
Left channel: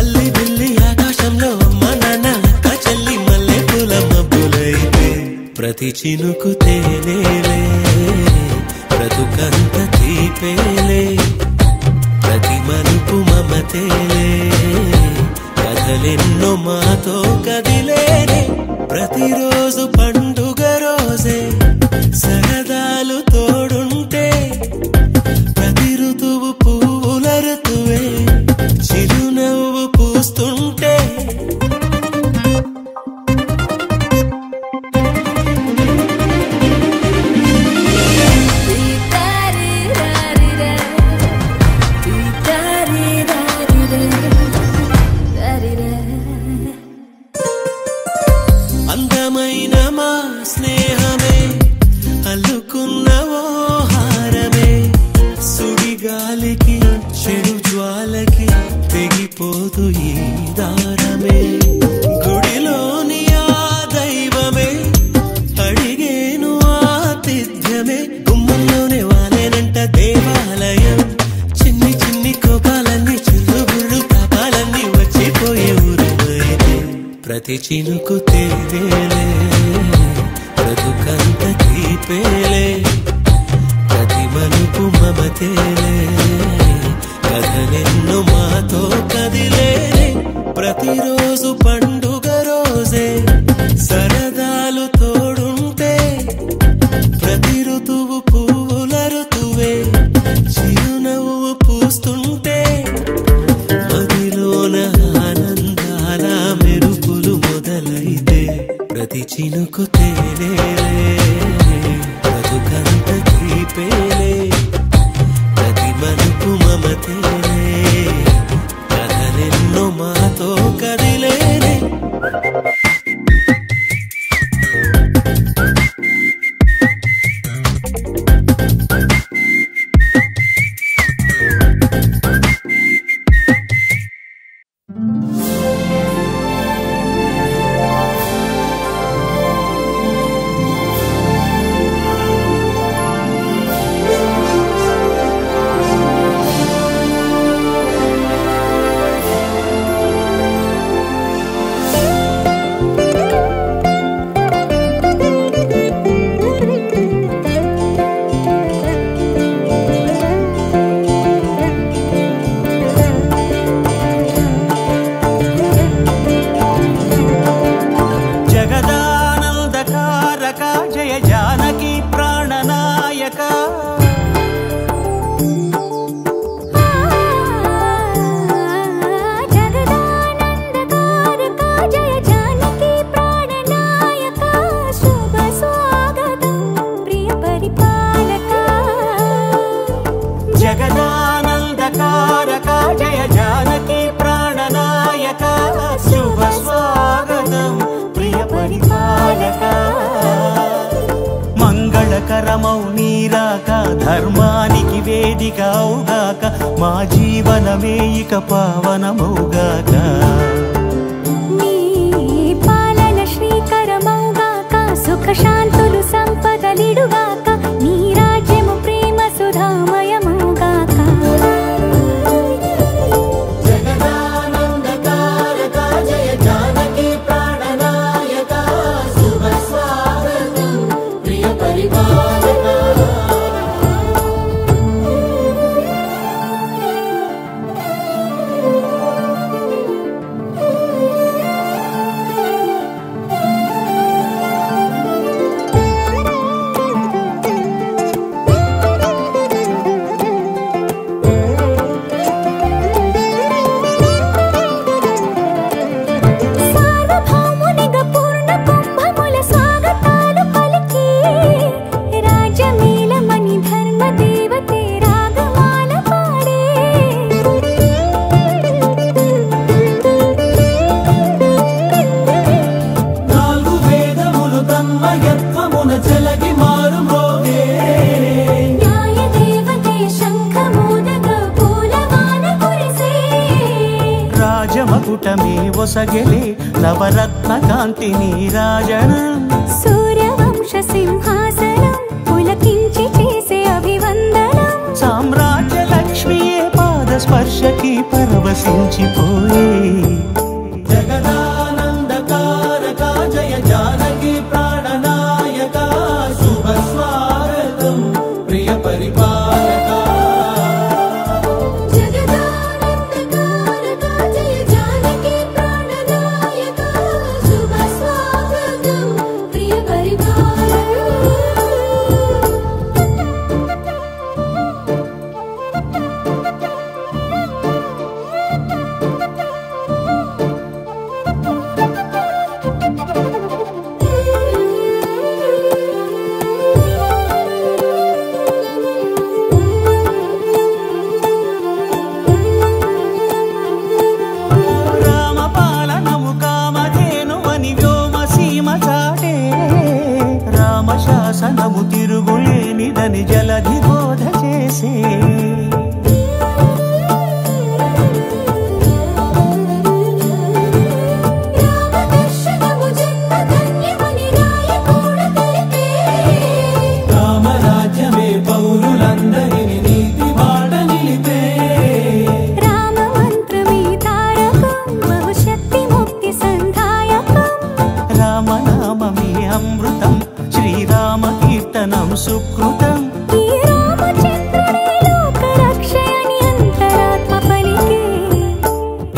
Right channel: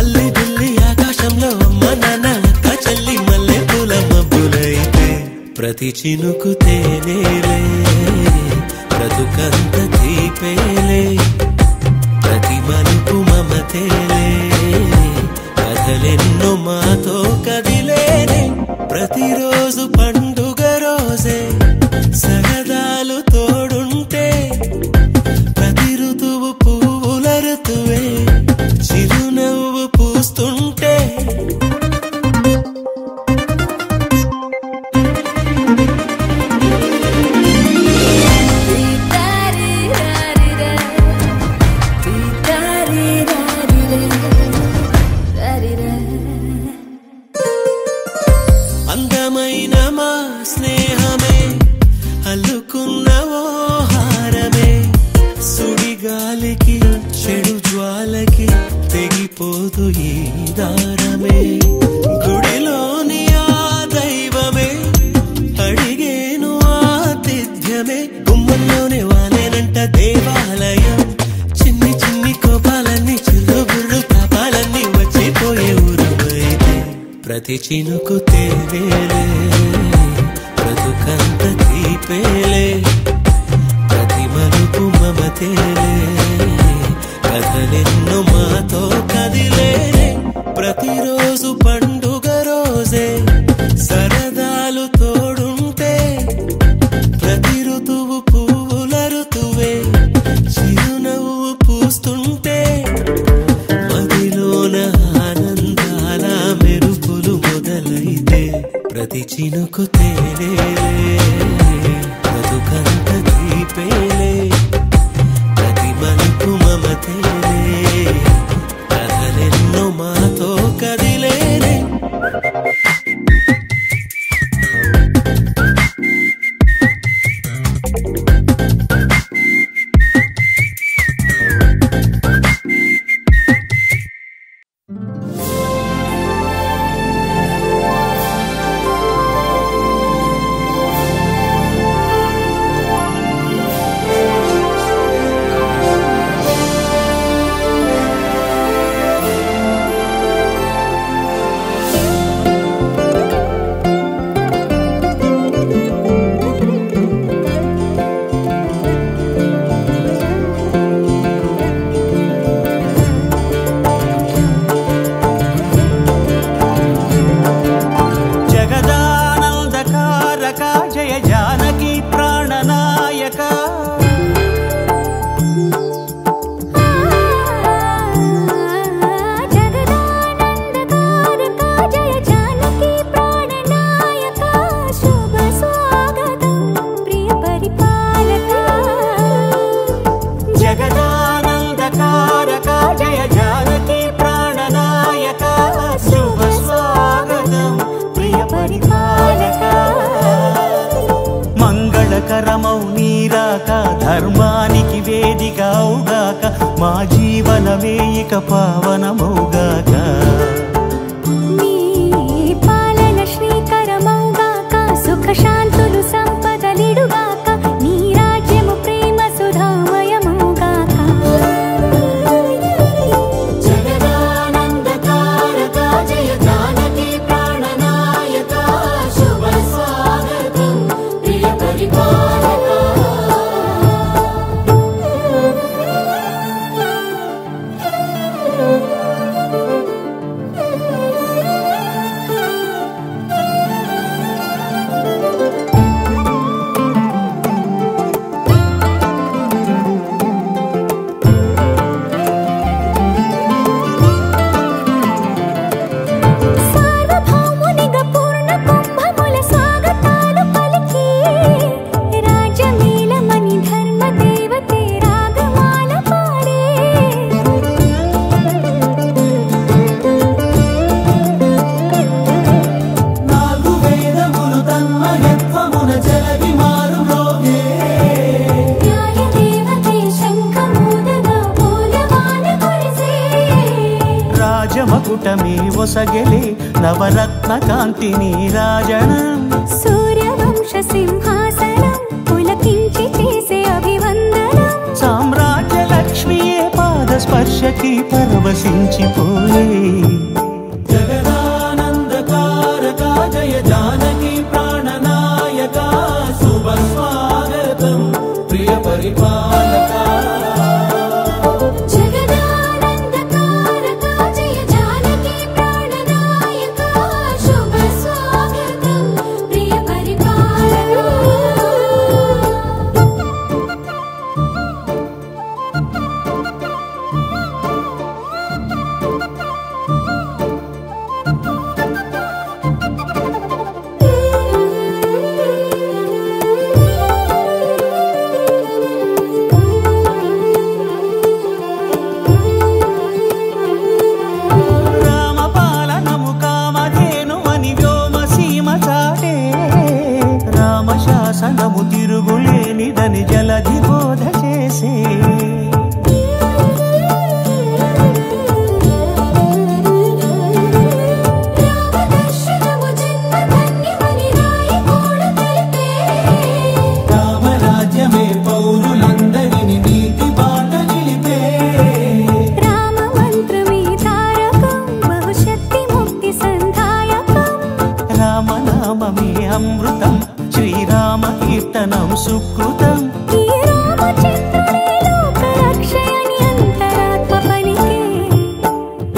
అల్లి బిల్లి ఆకాశంలో అమ్మ నాన్న అక్క చెల్లి మల్లె పూల మబ్బులైతే ప్రతి చినుకు తేనేలే బ్రతుకంత తీపేలే ప్రతి మలుపు మమతేలే కథలెన్నో మాతో కదిలేనే ప్రతిరోజు పండుగ రోజే సరదాలు తోడుంటే ప్రతి ఋతువు పువ్వుల ఋతువే చిరునవ్వు పూస్తుంటే అందమైన మా స్నేహమే అల్లుకున్న ఓ హారమే సుడిగాలికి చెడు జ్వాలకి తెగిపోదు ఈ దారమే గుడిలోని ఆ దైవమే అడిగేను ఆతిథ్యమే గుమ్మంలోనే వాలేనంట దేవాలయం చిన్ని చిన్ని కోపాలన్నీ చిల్లు బుర్రు తాపాలన్నీ వచ్చిపోయే ఊరుమైతే ప్రతి చినుకు తేవేలే బ్రతుకంత తీపేలే ప్రతి మలుపు మమతేలే కథలెన్నో మాతో కదిలేనే ప్రతిరోజు పండుగ రోజే సరదాలు తోడుంటే ప్రతి ఋతువు పువ్వుల ఋతువే చిరునవ్వు పూస్తుంటే మదిలోన ఆనందాల మెరుపులు మొదలైతే ప్రతి చినుకు తేనేలే బ్రతుకంత తీపేలే ప్రతి మలుపు మమతేలే కథలెన్నో మాతో కదిలేనే జయ జానకి ప్రాణనాయక జగదానందకారక జయ జానకి ప్రాణనాయక శుభ స్వాగతం ప్రియ పరిపాలక జగదానందకారక జయ జానకి ప్రాణనాయక శుభ స్వాగతం ప్రియ పరిపాలక మంగళకరమౌ నీరాక ధర్మానికి వేదికవుగాక మా జీవనమే ఇక పావనమౌగాక నీ పాలన శ్రీకరమౌగాక సుఖ శాంతులు సంపదలిడుగాక నీ రాజ్యము ప్రేమ సుధామయమౌగాక మకుటమే ఒసగెలే నవరత్న కాంతి నీరాజనం సూర్యవంశ సింహాసనం పులకించి చేసే అభివందనం సామ్రాజ్య లక్ష్మియే పాద స్పర్శకి పరవశించిపోయే జగదానందకారక జయ జానకి ప్రాణనాయక శుభ స్వాగతం ప్రియ పరిపాలక జగదానందకారక జయ జానకి ప్రాణనాయక శుభ స్వాగతం ప్రియ రామపాలనము కామధేను అని వ్యోమ సీమ చాటే రామశాసనము తిరుగులేనిదని జలధి బోధ చేసే రామదర్శనము జన్మధన్యమని రాయకూడ తెలిపే రామరాజ్యమే పౌరులందరిని నీతి బాట నిలిపే రామ మంత్రమే తారకం బహుశక్తి ముక్తి సంధాయకం రామనామమే అమృతం శ్రీరామ కీర్తనం సుకృతం ఈ రామచంద్రుడే లోక రక్షయని అంతరాత్మ పలికే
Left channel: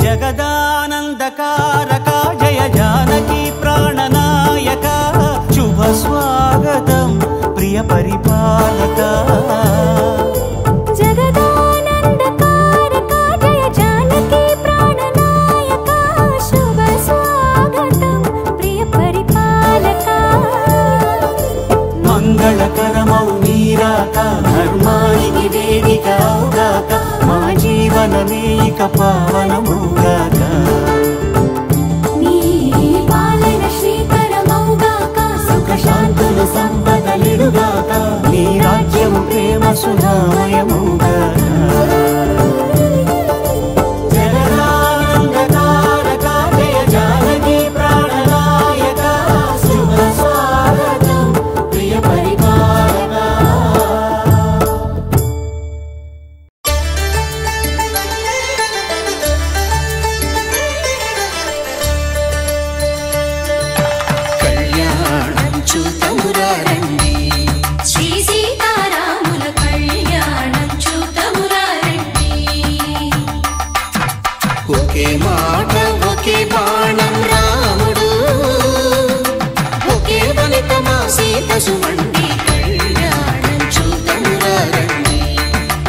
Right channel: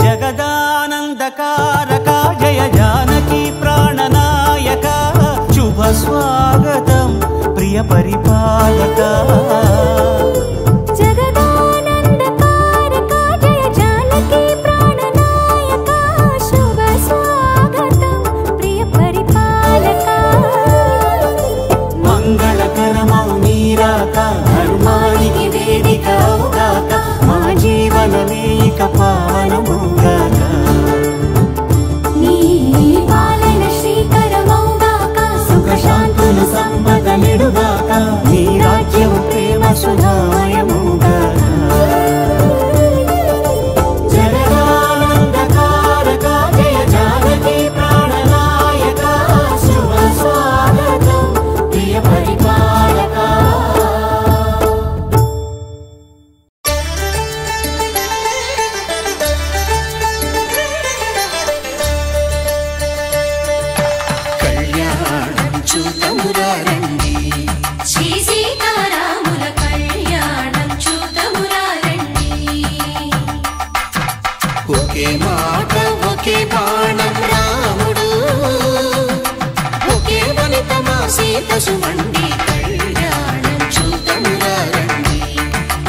జగదానందకారక జయ జానకి ప్రాణనాయక శుభ స్వాగతం ప్రియ పరిపాలక జగదానందకారక జయ జానకి ప్రాణనాయక శుభ స్వాగతం ప్రియ పరిపాలక మంగళకరమౌ నీరాక ధర్మానికి వేదిక అవుగాక మా జీవనమే ఇక పావనమౌగాక నీ పాలన శ్రీకరమౌగాక సుఖ శాంతులు సంపదలిడుగాక నీ రాజ్యము ప్రేమ సుధామయమౌగాక జగదానందకారక జయ జానకి ప్రాణనాయక శుభ స్వాగతం ప్రియ పరిపాలక కళ్యాణం చూతమురారండి శ్రీ సీతారాముల కళ్యాణం చూతమురారండి ఒకే మాట ఒకే బాణం రాముడు ఒకే వనిత మా సీత సుమండి కళ్యాణం చూతమురారండి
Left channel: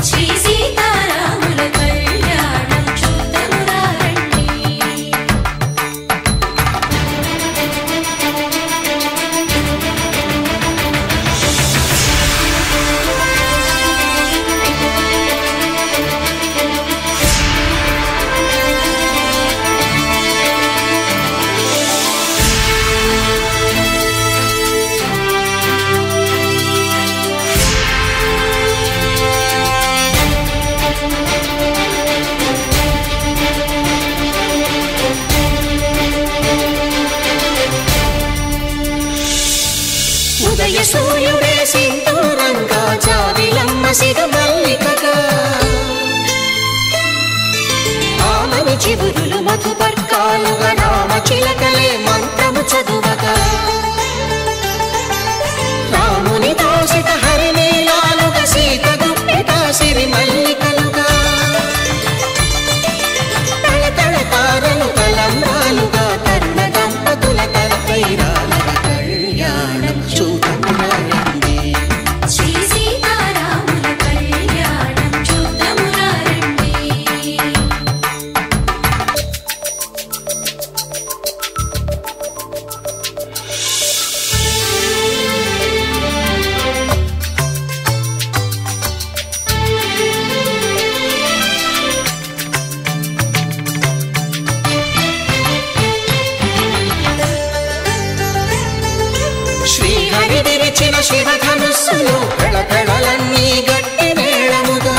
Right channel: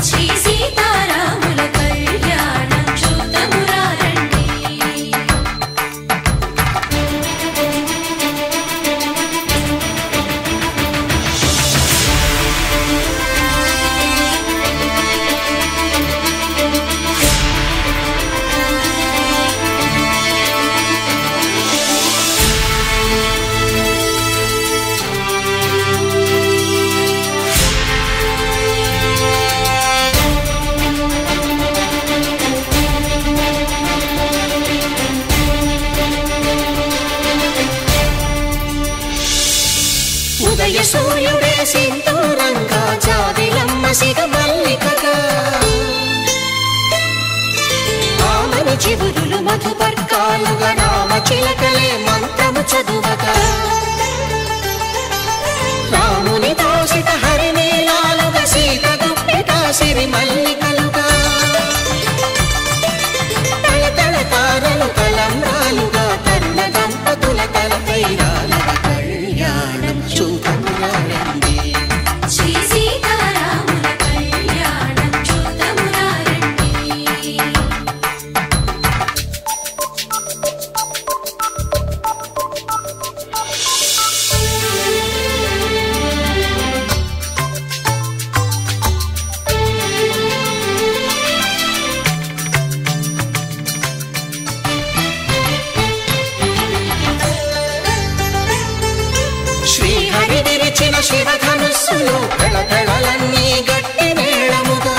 శ్రీ సీతారాముల కళ్యాణం చూతమురారండి ఉదయ సూర్యుడే సింధూరంగా జాబిలమ్మ సిగ మల్లికగా ఆమని చివురులు మధుపర్కాలుగా రామ చిలకలే మంత్రము చదువగా రాముని దోసిట హరినీలాలుగా సీత గుప్పిట సిరి మల్లికలుగా తళతళ తారలు తలంబ్రాలుగా తరుణ దంపతుల తలపైరాలుగా కళ్యాణం చూతమురారండి శ్రీ సీతారాముల కళ్యాణం చూతమురారండి శ్రీహరి విరిచిన శివధనుస్సులు పెళపెళలన్నీ గట్టి మేళముగా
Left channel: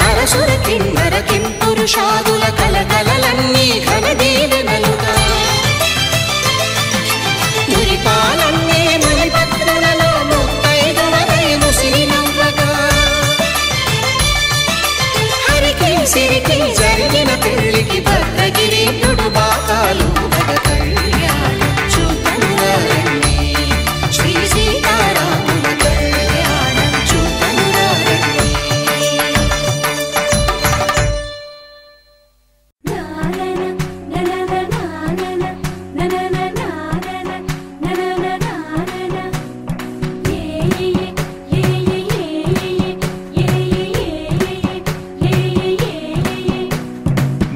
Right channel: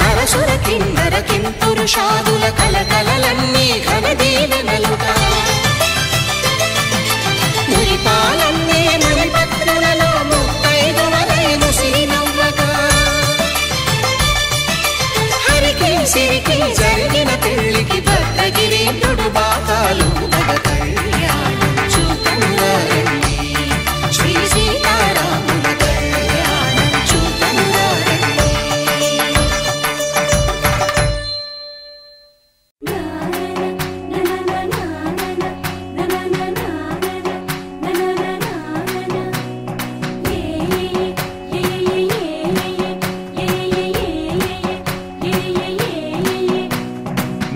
నరసుర కిన్నర కింపురు వరుషాదుల కలకలలన్నీ ఘన దీవెనలుగా మురిపాలన్నీ మురిపత్రులలో ముత్తైదువలై ముసిరి నవ్వగా హరికి సిరికి జరిగిన పెళ్లికి భద్రగిరీంద్రుడు బాకాలు మగ కళ్యాణం చూతమురారండి శ్రీ సీతారాముల కళ్యాణం చూతమురారండి.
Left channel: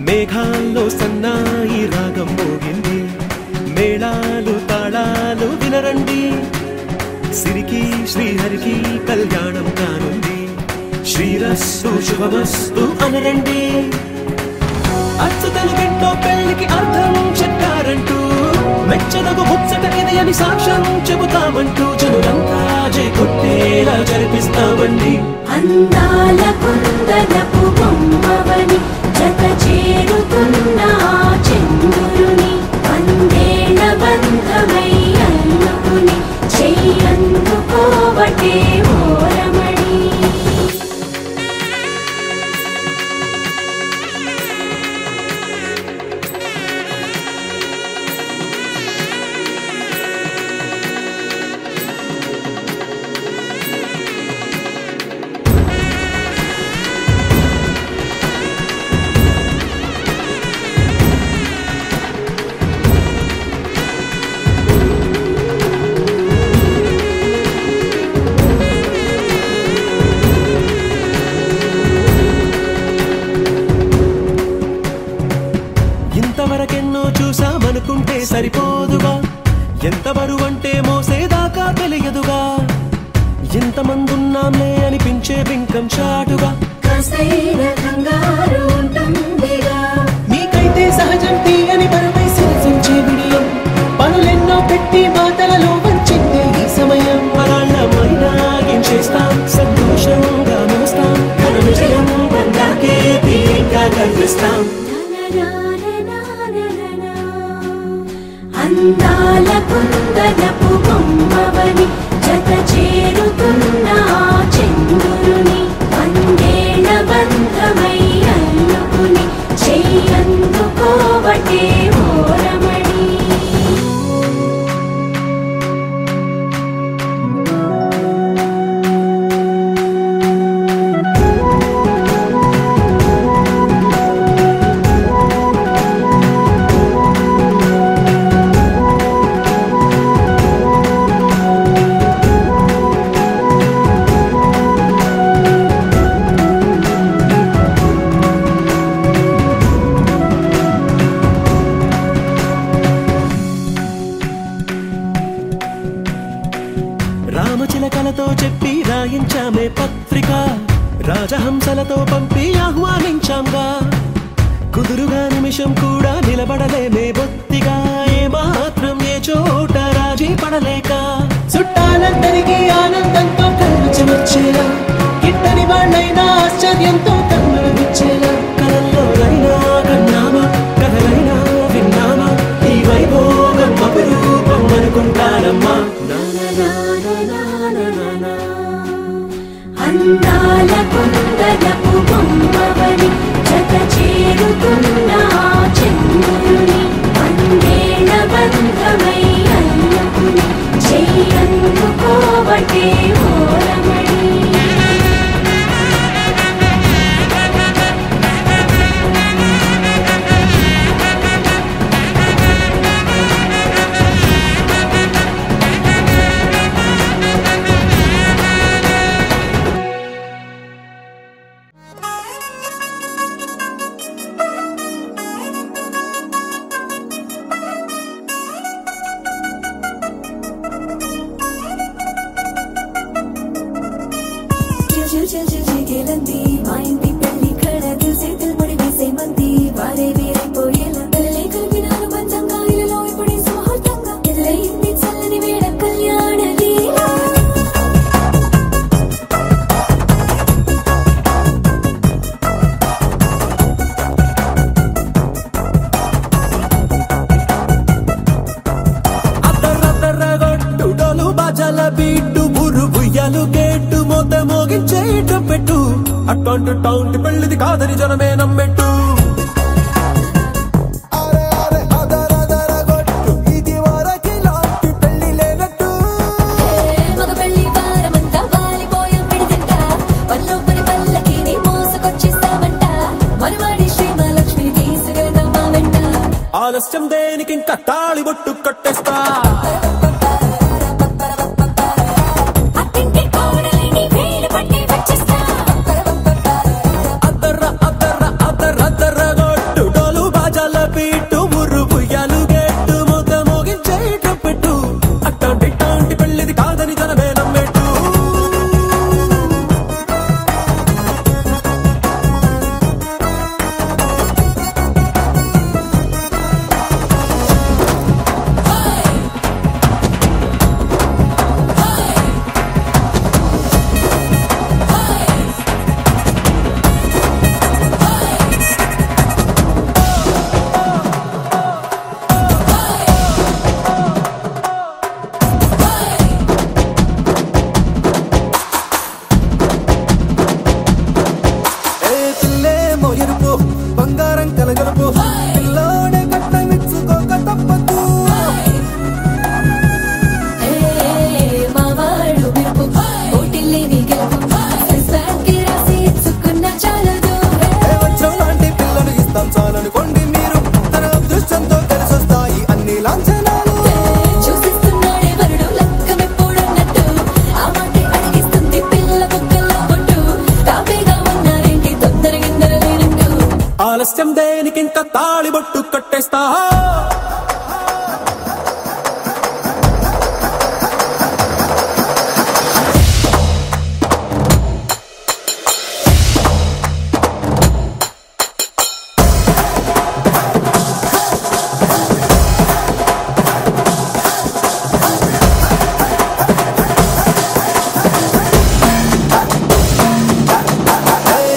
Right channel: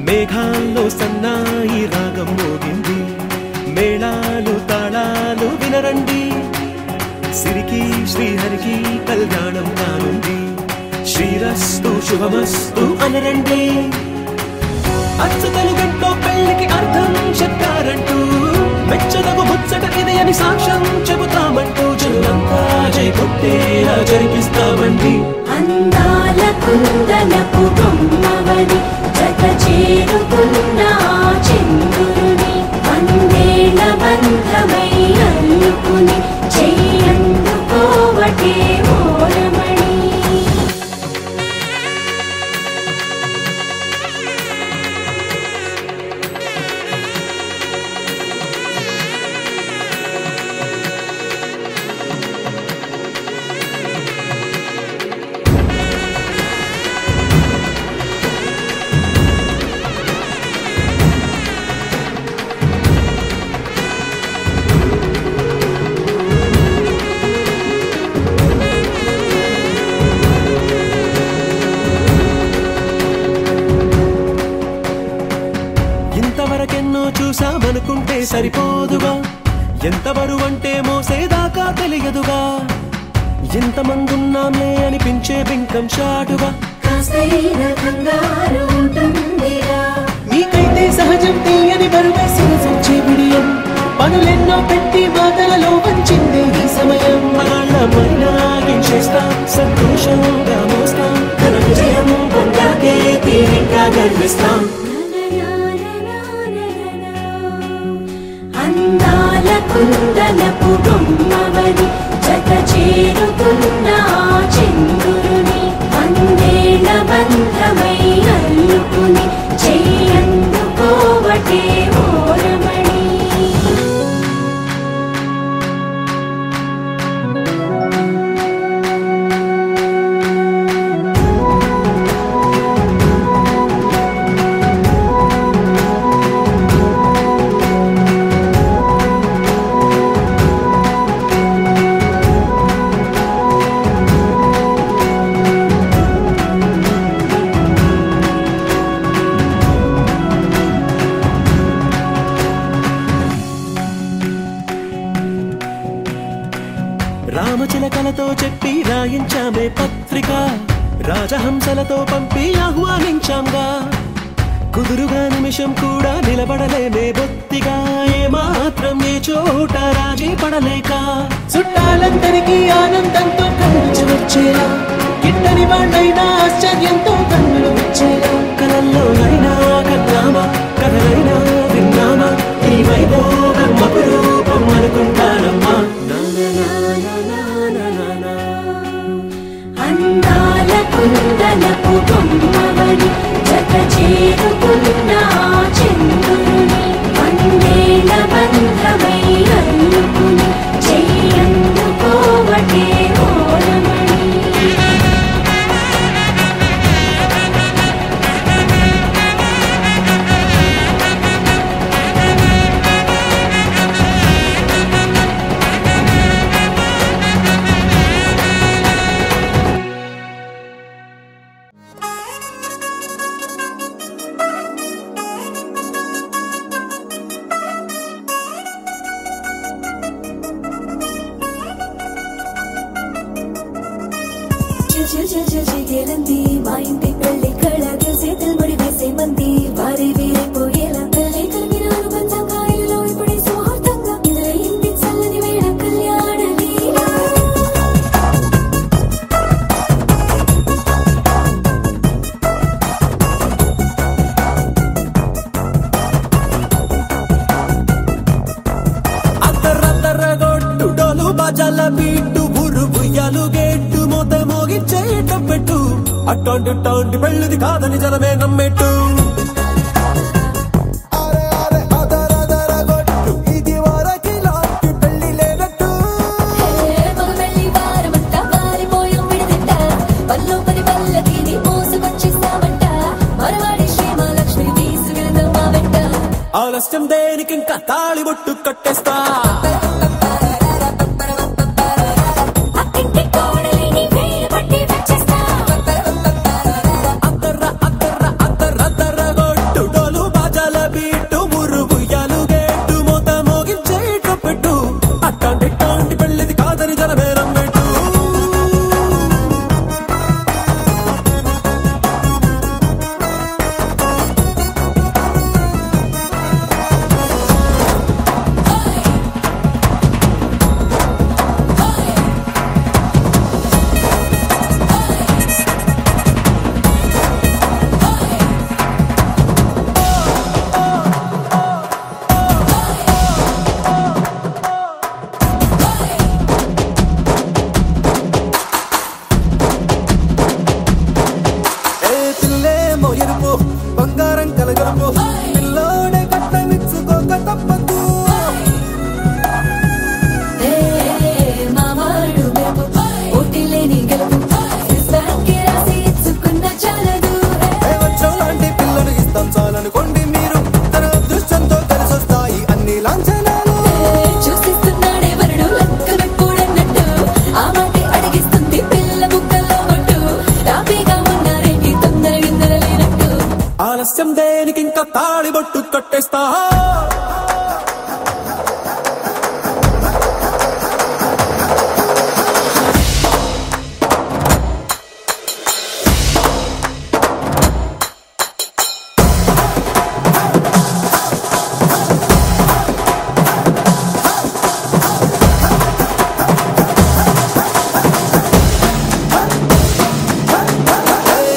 మేఘాల్లో సన్నాయి రాగం మోగింది, మేళాలు తాళాలు వినరండి, సిరికి శ్రీహరికి కళ్యాణం కానుంది, శ్రీరస్తు శుభమస్తు అనరండి. అచ్చు తెలుగంటో పెళ్లికి అర్థం చెప్పారంటూ, మెచ్చదగు ముచ్చట ఇది అని సాక్ష్యం చెబుతామంటూ, జనులంతా జై కొట్టేలా జరిపిస్తామండి. అందాల కుందనపు బొమ్మవని జత చేరుతున్న చంద్రుని వందేళ్ల బంధమై అల్లుకుని చెయ్యందుకోవటే ఓరమణి. ఇంతవరకెన్నో చూసామనుకుంటే సరిపోదుగా, ఎంత బరువంటే మోసేదాకా తెలియదుగా, ఇంతమందున్నాంలే అనిపించే బింకం చాటుగా, కాస్తైన కంగారు ఉంటుందిగా, మీకైతే సహజం తీయని బరువై సిరిసంచే బిడియం, పనులెన్నో పెట్టి మాటలలో వంచిందే ఈ సమయం. మనాళ్ళమైనా ఏం చేస్తాం, సంతోషంగా మోస్తాం, ఘన విజయం పొందాకే తీరిగ్గా కనిపిస్తాం. అందాల కుందనపు బొమ్మవని జత చేరుతున్న చంద్రుని వందేళ్ల బంధమై అల్లుకుని చెయ్యందుకోవటే ఓరమణి. రామచిలకలతో చెప్పి రాయించామే పత్రిక, రాజహంసలతో పంపి ఆహ్వానించాంగా, కుదురుగా నిమిషం కూడా నిలబడలేమే బొత్తిగా, ఏమాత్రం ఏ చోట రాజీ పడలేక, చుట్టాలందరికీ ఆనందంతో కళ్ళు చెమర్చేలా, గిట్టని వాళ్ళైనా ఆశ్చర్యంతో కన్నులు వచ్చేలా, కలల్లోనైనా కన్నామా కథలైనా విన్నామా, ఈ వైభోగం అపురూపం అనుకుంటానమ్మా. అందాల కుందనపు బొమ్మవని జత చేరుతున్న చంద్రుని వందేళ్ల బంధమై అల్లుకుని చెయ్యందుకోవటే ఓరమణి. పెట్టు అట్టాంటి పెళ్ళిది కాదని జనమే నమ్మెట్టు ఆలస్యం దేనికింత తాళిబొట్టు కట్టేస్తా ఎరుపు బంగారం కలగలుపు పిల్లోడే కట్టమిచ్చుకోక తప్పదు వచ్చం లాంటి పిల్లను ఇస్తాం చాలనుకోండి మీరు తన అదృష్టంతో కలిసొస్తాయి అన్ని లాంఛనాలు ఆలస్యం దేనికింత తాళిబొట్టు కట్టేస్తా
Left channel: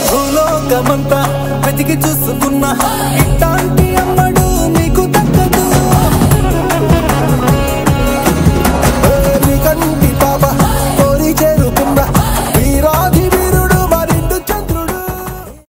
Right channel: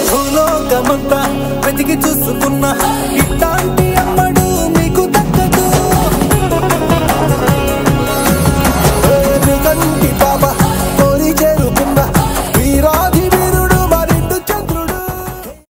భూలోకమంతా వెతికి చూసుకున్నా ఇట్లాంటి